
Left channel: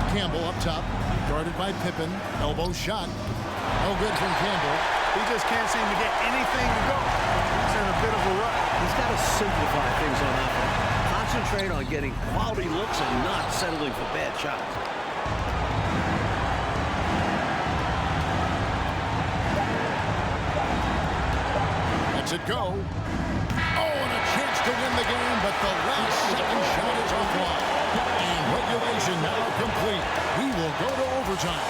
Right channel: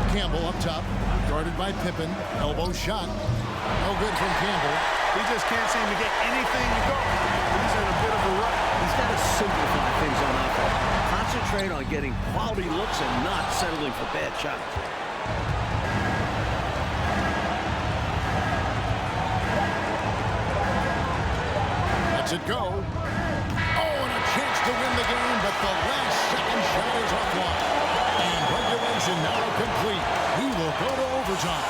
Campbell up top, guarded by Pippen. Elbow shot. No good from Campbell. He just can't seem to get anything to go. He's in a bit of a rut. He's got to simplify things on offense. Concentrate on getting quality looks and not settling for bad shots. Lets it go. Oh, and a chance to win the game, but the last second shot is offline. And regulation now complete. We will go to overtime.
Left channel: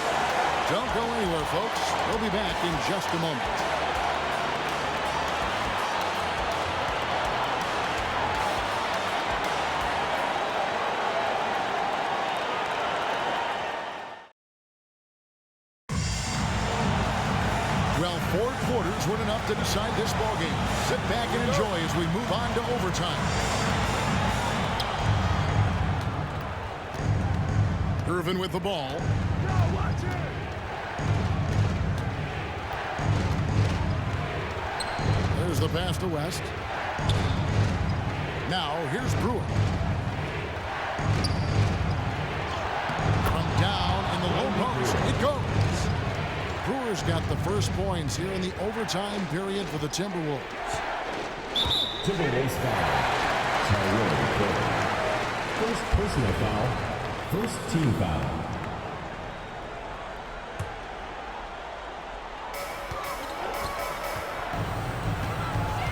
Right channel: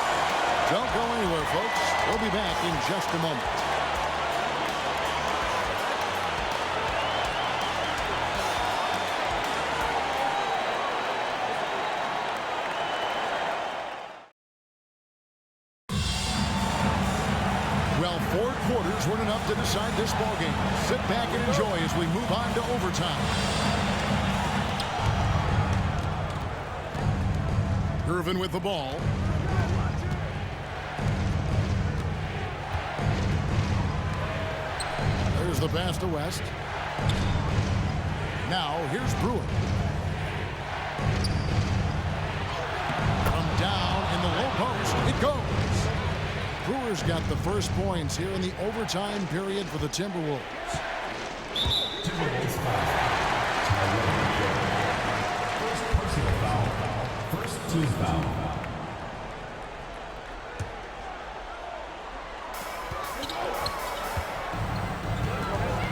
Don't go anywhere, folks. We'll be back in just a moment. Well, 4 quarters weren't enough to decide this ball game. Sit back and enjoy as we move on to overtime. Irvin with the ball. There's the pass to West. Now here's Brewer. From down in the low post, it goes. Brewer's got the first points here in the overtime period for the Timberwolves. Timberwolves foul. First personal foul. First team foul.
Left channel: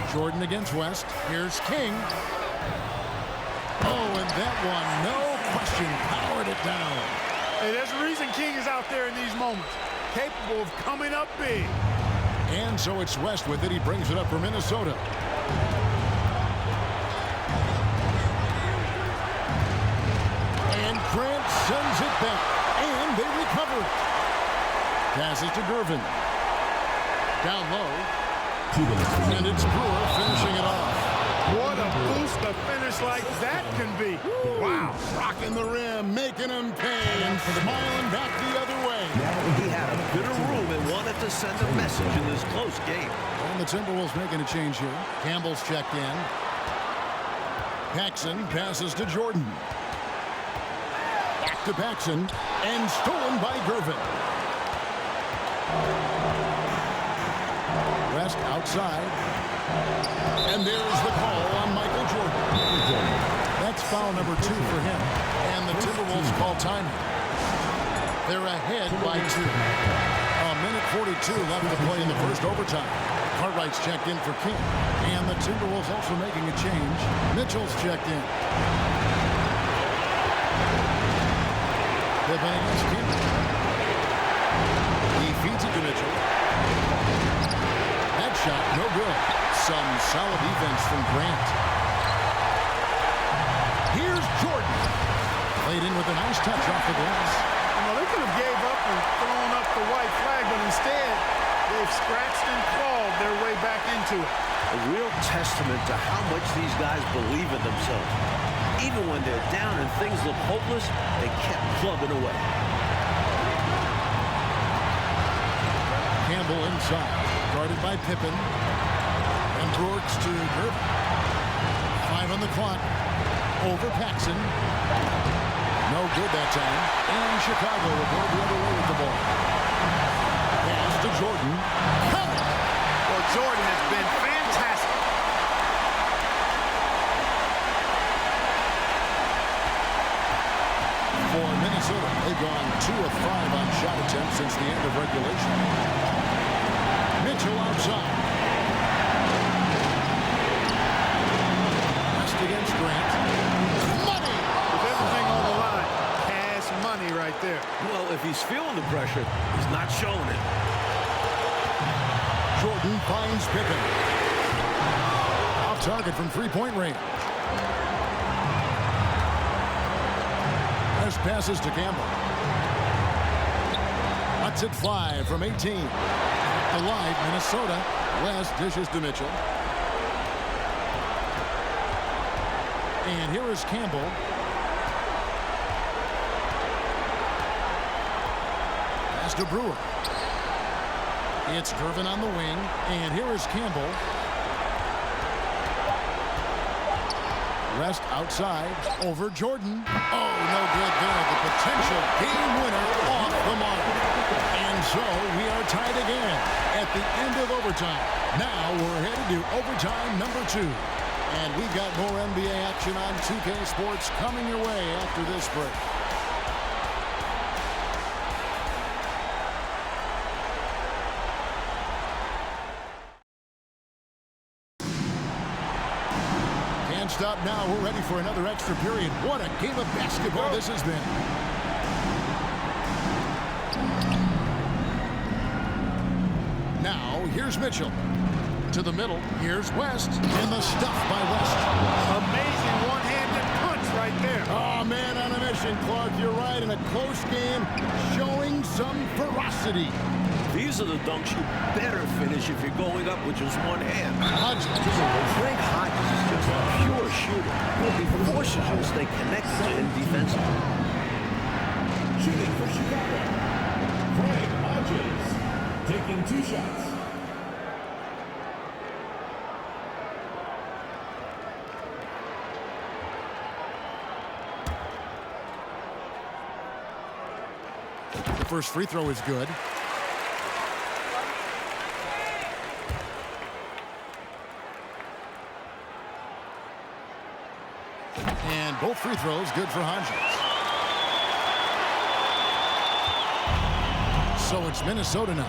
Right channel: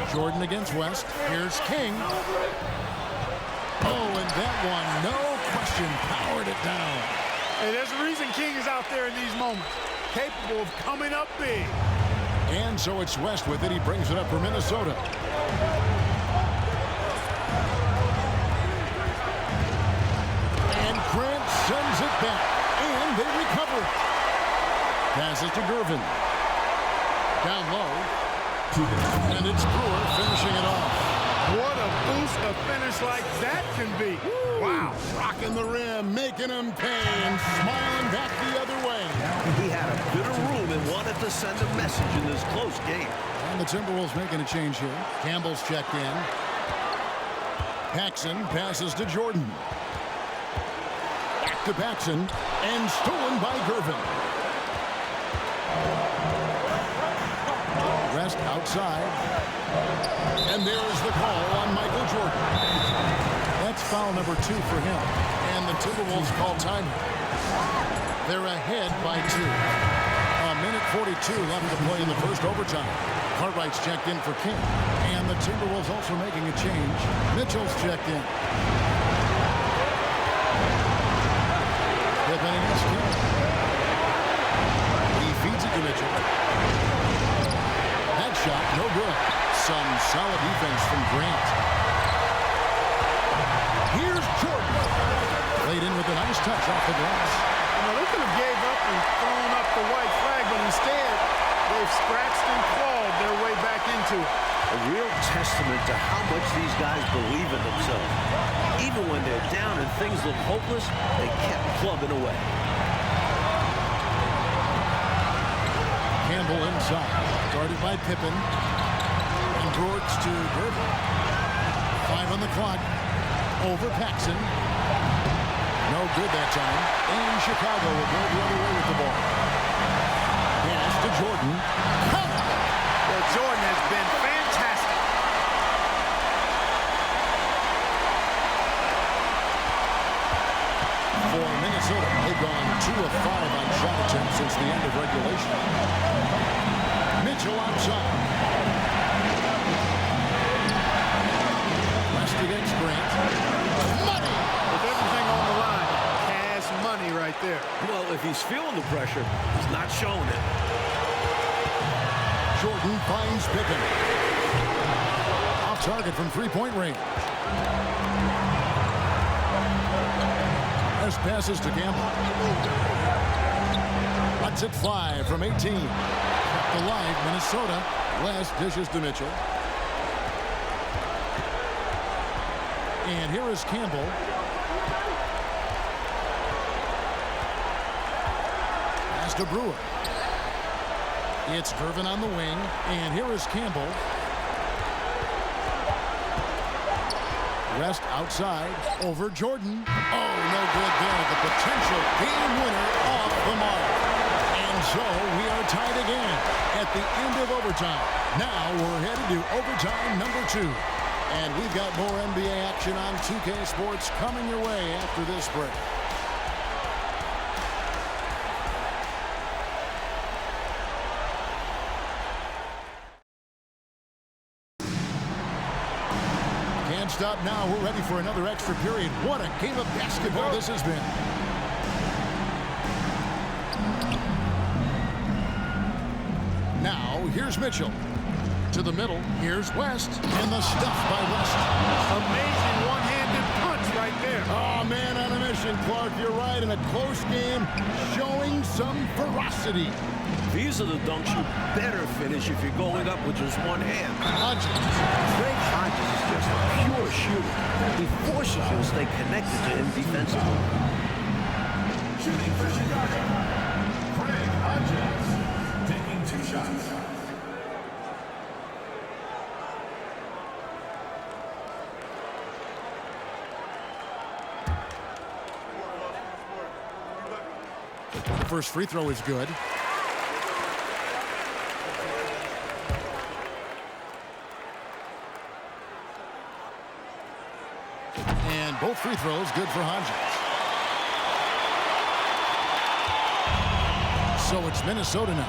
Jordan against West. Here's King. Oh, and that one, no question, powered it down. Hey, there's a reason King is out there in these moments. Capable of coming up big. And so it's West with it. He brings it up for Minnesota. And Grant sends it back. And they recover it. Passes to Gervin. Down low. And it's Brewer finishing it off. What a boost a finish like that can be. Wow. Rocking the rim, making him pay, and smiling back the other way. He had a bit of room and wanted to send a message in this close game. And the Timberwolves making a change here. Campbell's checked in. Paxson passes to Jordan. Back to Paxson, and stolen by Gervin. West outside. And there's the call on Michael Jordan. That's foul number 2 for him. And the Timberwolves call time here. They're ahead by 2. A minute 42 left to play in the first overtime. Cartwright's checked in for King. And the Timberwolves also making a change. Mitchell's checked in. Pippen against King. He feeds it to Mitchell. That shot, no good. Some solid defense from Grant. Here's Jordan. Played in with a nice touch off the glass. You know, they could have gave up and thrown up the white flag, but instead, they've scratched and clawed their way back into it. A real testament to how much these guys believe in themselves. Even when they're down and things look hopeless, they kept plugging away. Campbell inside. Guarded by Pippen. And Brooks to Gervin. 5 on the clock. Over Paxson. No good that time. And Chicago will go the other way with the ball. Pass to Jordan. Well, Jordan has been fantastic. For Minnesota, they've gone 2 of 5 on shot attempts since the end of regulation. Mitchell outside. West against Grant. Money! With everything on the line, cash money right there. Well, if he's feeling the pressure, he's not showing it. Jordan finds Pippen. Off target from 3-point range. West passes to Campbell. Lets it fly from 18. Kept alive, Minnesota. West dishes to Mitchell. And here is Campbell. Pass to Brewer. It's Gervin on the wing. And here is Campbell. West outside. Over Jordan. Oh, no good there. The potential game winner off the mark. And so we are tied again at the end of overtime. Now we're headed to overtime number 2. And we've got more NBA action on 2K Sports coming your way after this break. Can't stop now. We're ready for another extra period. What a game of basketball this has been. Now, here's Mitchell. To the middle, here's West. And the stuff by West. Amazing one-handed punch right there. Oh, man on a mission, Clark. You're right. In a close game, showing some ferocity. These are the dunks you better finish if you're going up with just one hand. Hodges. Craig Hodges is just a pure shooter. He forces you to stay connected to him defensively. Shooting for Chicago, Craig Hodges, taking 2 shots. The first free throw is good. And both free throws good for Hodges. So it's Minnesota now.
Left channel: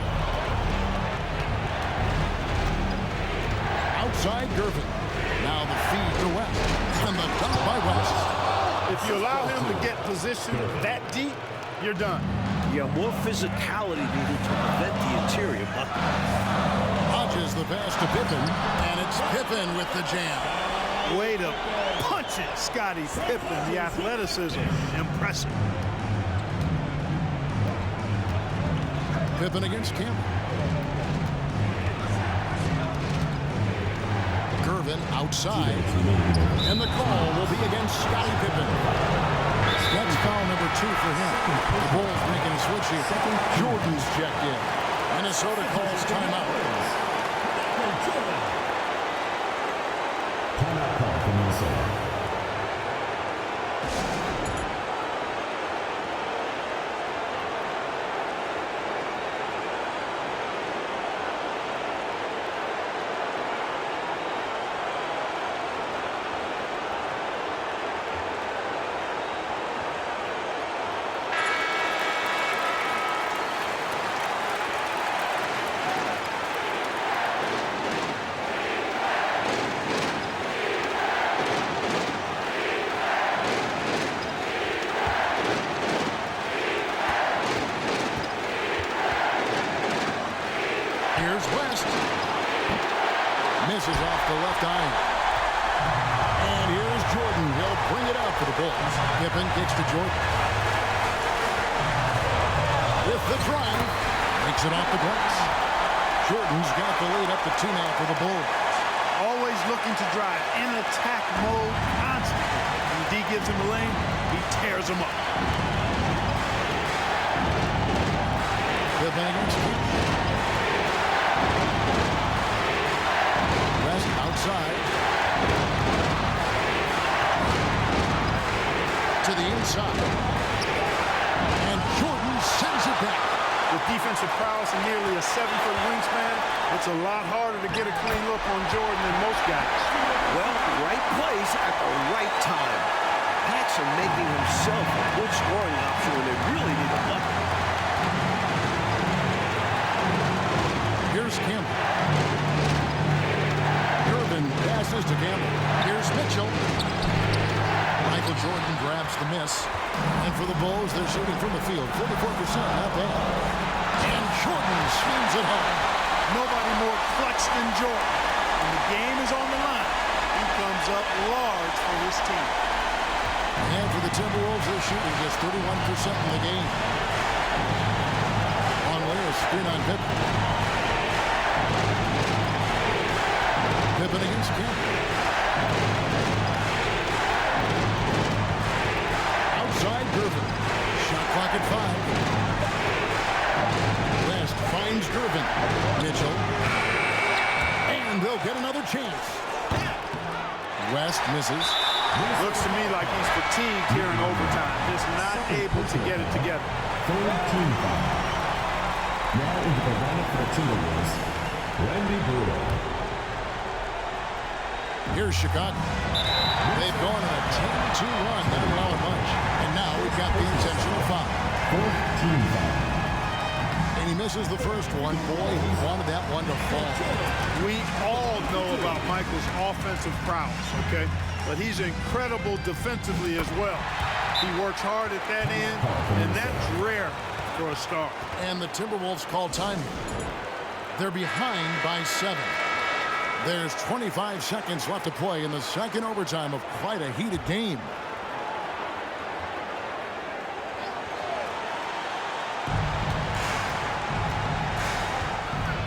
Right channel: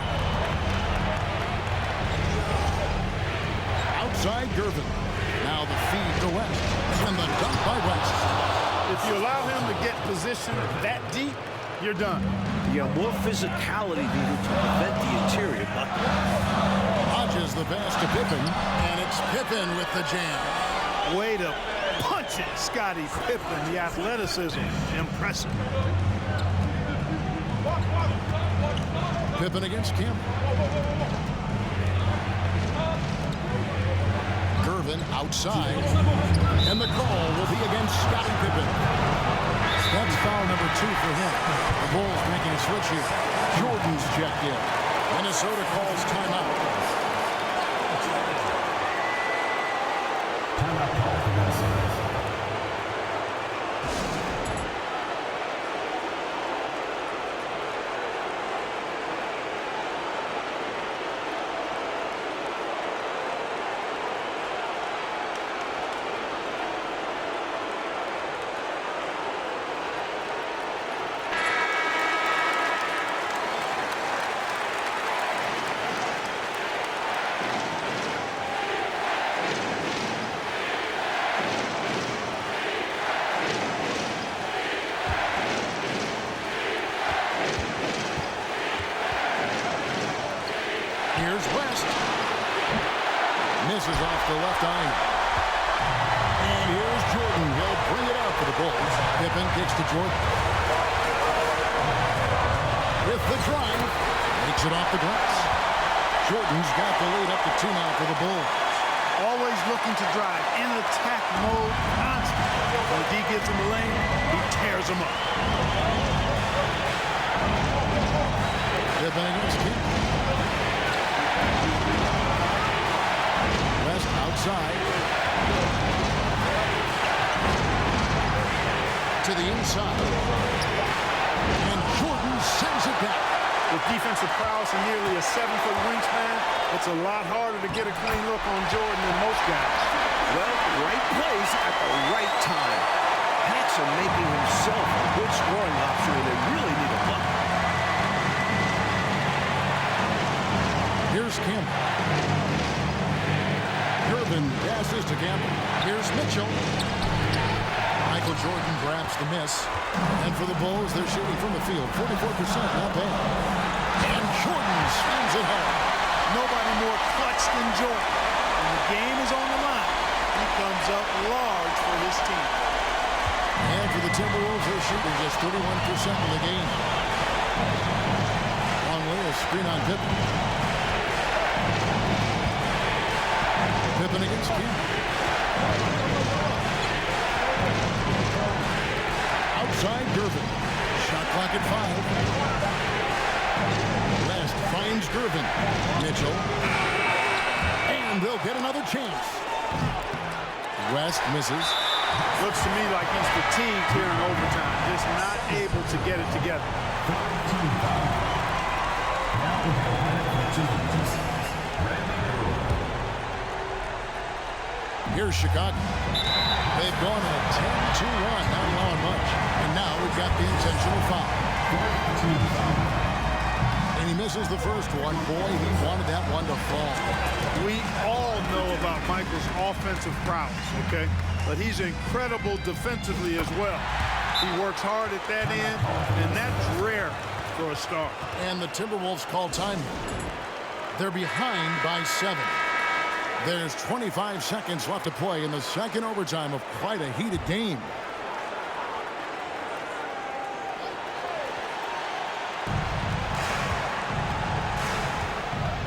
Outside Gervin. Now the feed to West. And the dunk by West. If you allow him to get positioned that deep, you're done. You have more physicality needed to prevent the interior bucket. Hodges the pass to Pippen. And it's Pippen with the jam. Way to punch it, Scottie Pippen. The athleticism, impressive. Pippen against Campbell. Gervin outside. And the call will be against Scottie Pippen. That's foul number 2 for him. The Bulls making a switch here. Jordan's checked in. Minnesota calls timeout. Timeout call for Minnesota. Here's West. Misses off the left iron. And here's Jordan. He'll bring it up for the Bulls. Pippen kicks to Jordan. With the drive. Makes it off the glass. Jordan's got the lead up to 2 now for the Bulls. Always looking to drive in attack mode constantly. When the D gives him a lane, he tears him up. Pippen against Campbell. West outside. To the inside. And Jordan sends it back. With defensive prowess and nearly a 7-foot wingspan, it's a lot harder to get a clean look on Jordan than most guys. Well, right place at the right time. Paxson making himself a good scoring option when they really need a bucket. Here's Campbell. Gervin passes to Campbell. Here's Mitchell. Michael Jordan grabs the miss. And for the Bulls, they're shooting from the field. 44%, not bad. And Jordan swings it home. Nobody more clutch than Jordan. When the game is on the line, he comes up large for his team. And for the Timberwolves, they're shooting just 31% in the game. Longley, a screen on Pippen. Pippen against Campbell. Outside Gervin. Shot clock at 5. West finds Gervin. Mitchell. And they'll get another chance. West misses. Looks to me like he's fatigued here in overtime, just not able to get it together. Third team foul. Now into the lineup for the Timberwolves, Randy Brewer. Here's Chicago. They've gone on a 10-2 run, not allowing much. And now we've got the intentional foul. Fourth team foul. And he misses the first one. Boy, he wanted that one to fall. We all know about Michael's offensive prowess, okay? But he's incredible defensively as well. He works hard at that end, and that's rare for a star. And the Timberwolves call time here. They're behind by 7. There's 25 seconds left to play in the second overtime of quite a heated game.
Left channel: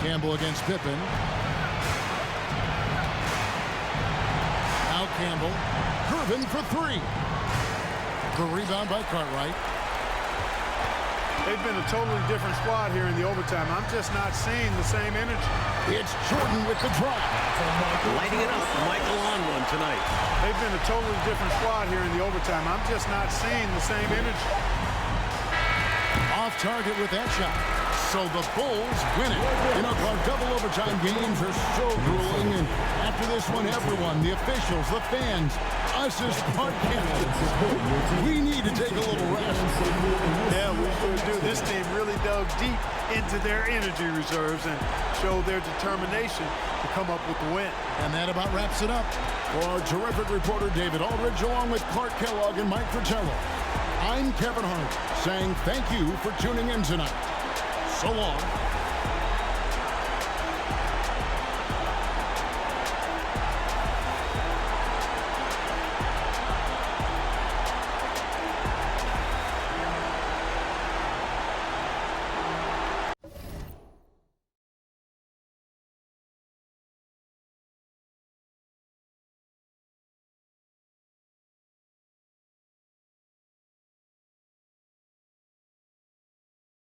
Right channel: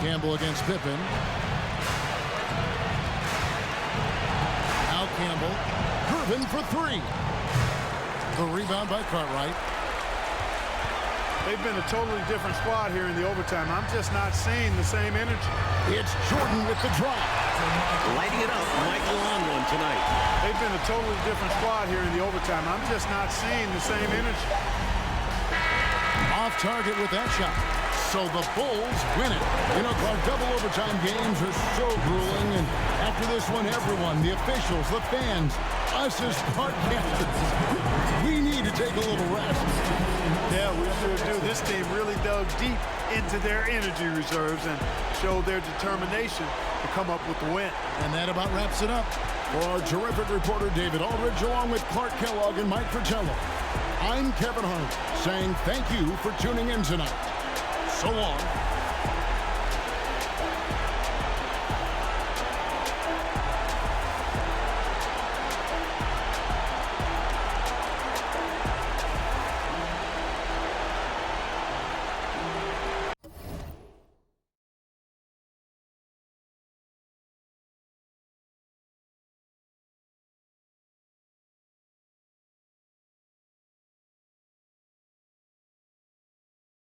Campbell against Pippen. Now Campbell. Gervin for three. The rebound by Cartwright. They've been a totally different squad here in the overtime. I'm just not seeing the same energy. It's Jordan with the drop. Lighting it up. Michael on one tonight. They've been a totally different squad here in the overtime. I'm just not seeing the same energy. Off target with that shot. So the Bulls win it. You know, Clark, double overtime games are so grueling. And after this one, everyone, the officials, the fans, us as broadcasters, we need to take a little rest. Yeah, we sure do. This team really dug deep into their energy reserves and showed their determination to come up with the win. And that about wraps it up. For our terrific reporter, David Aldridge, along with Clark Kellogg and Mike Fratello, I'm Kevin Hart saying thank you for tuning in tonight. So long.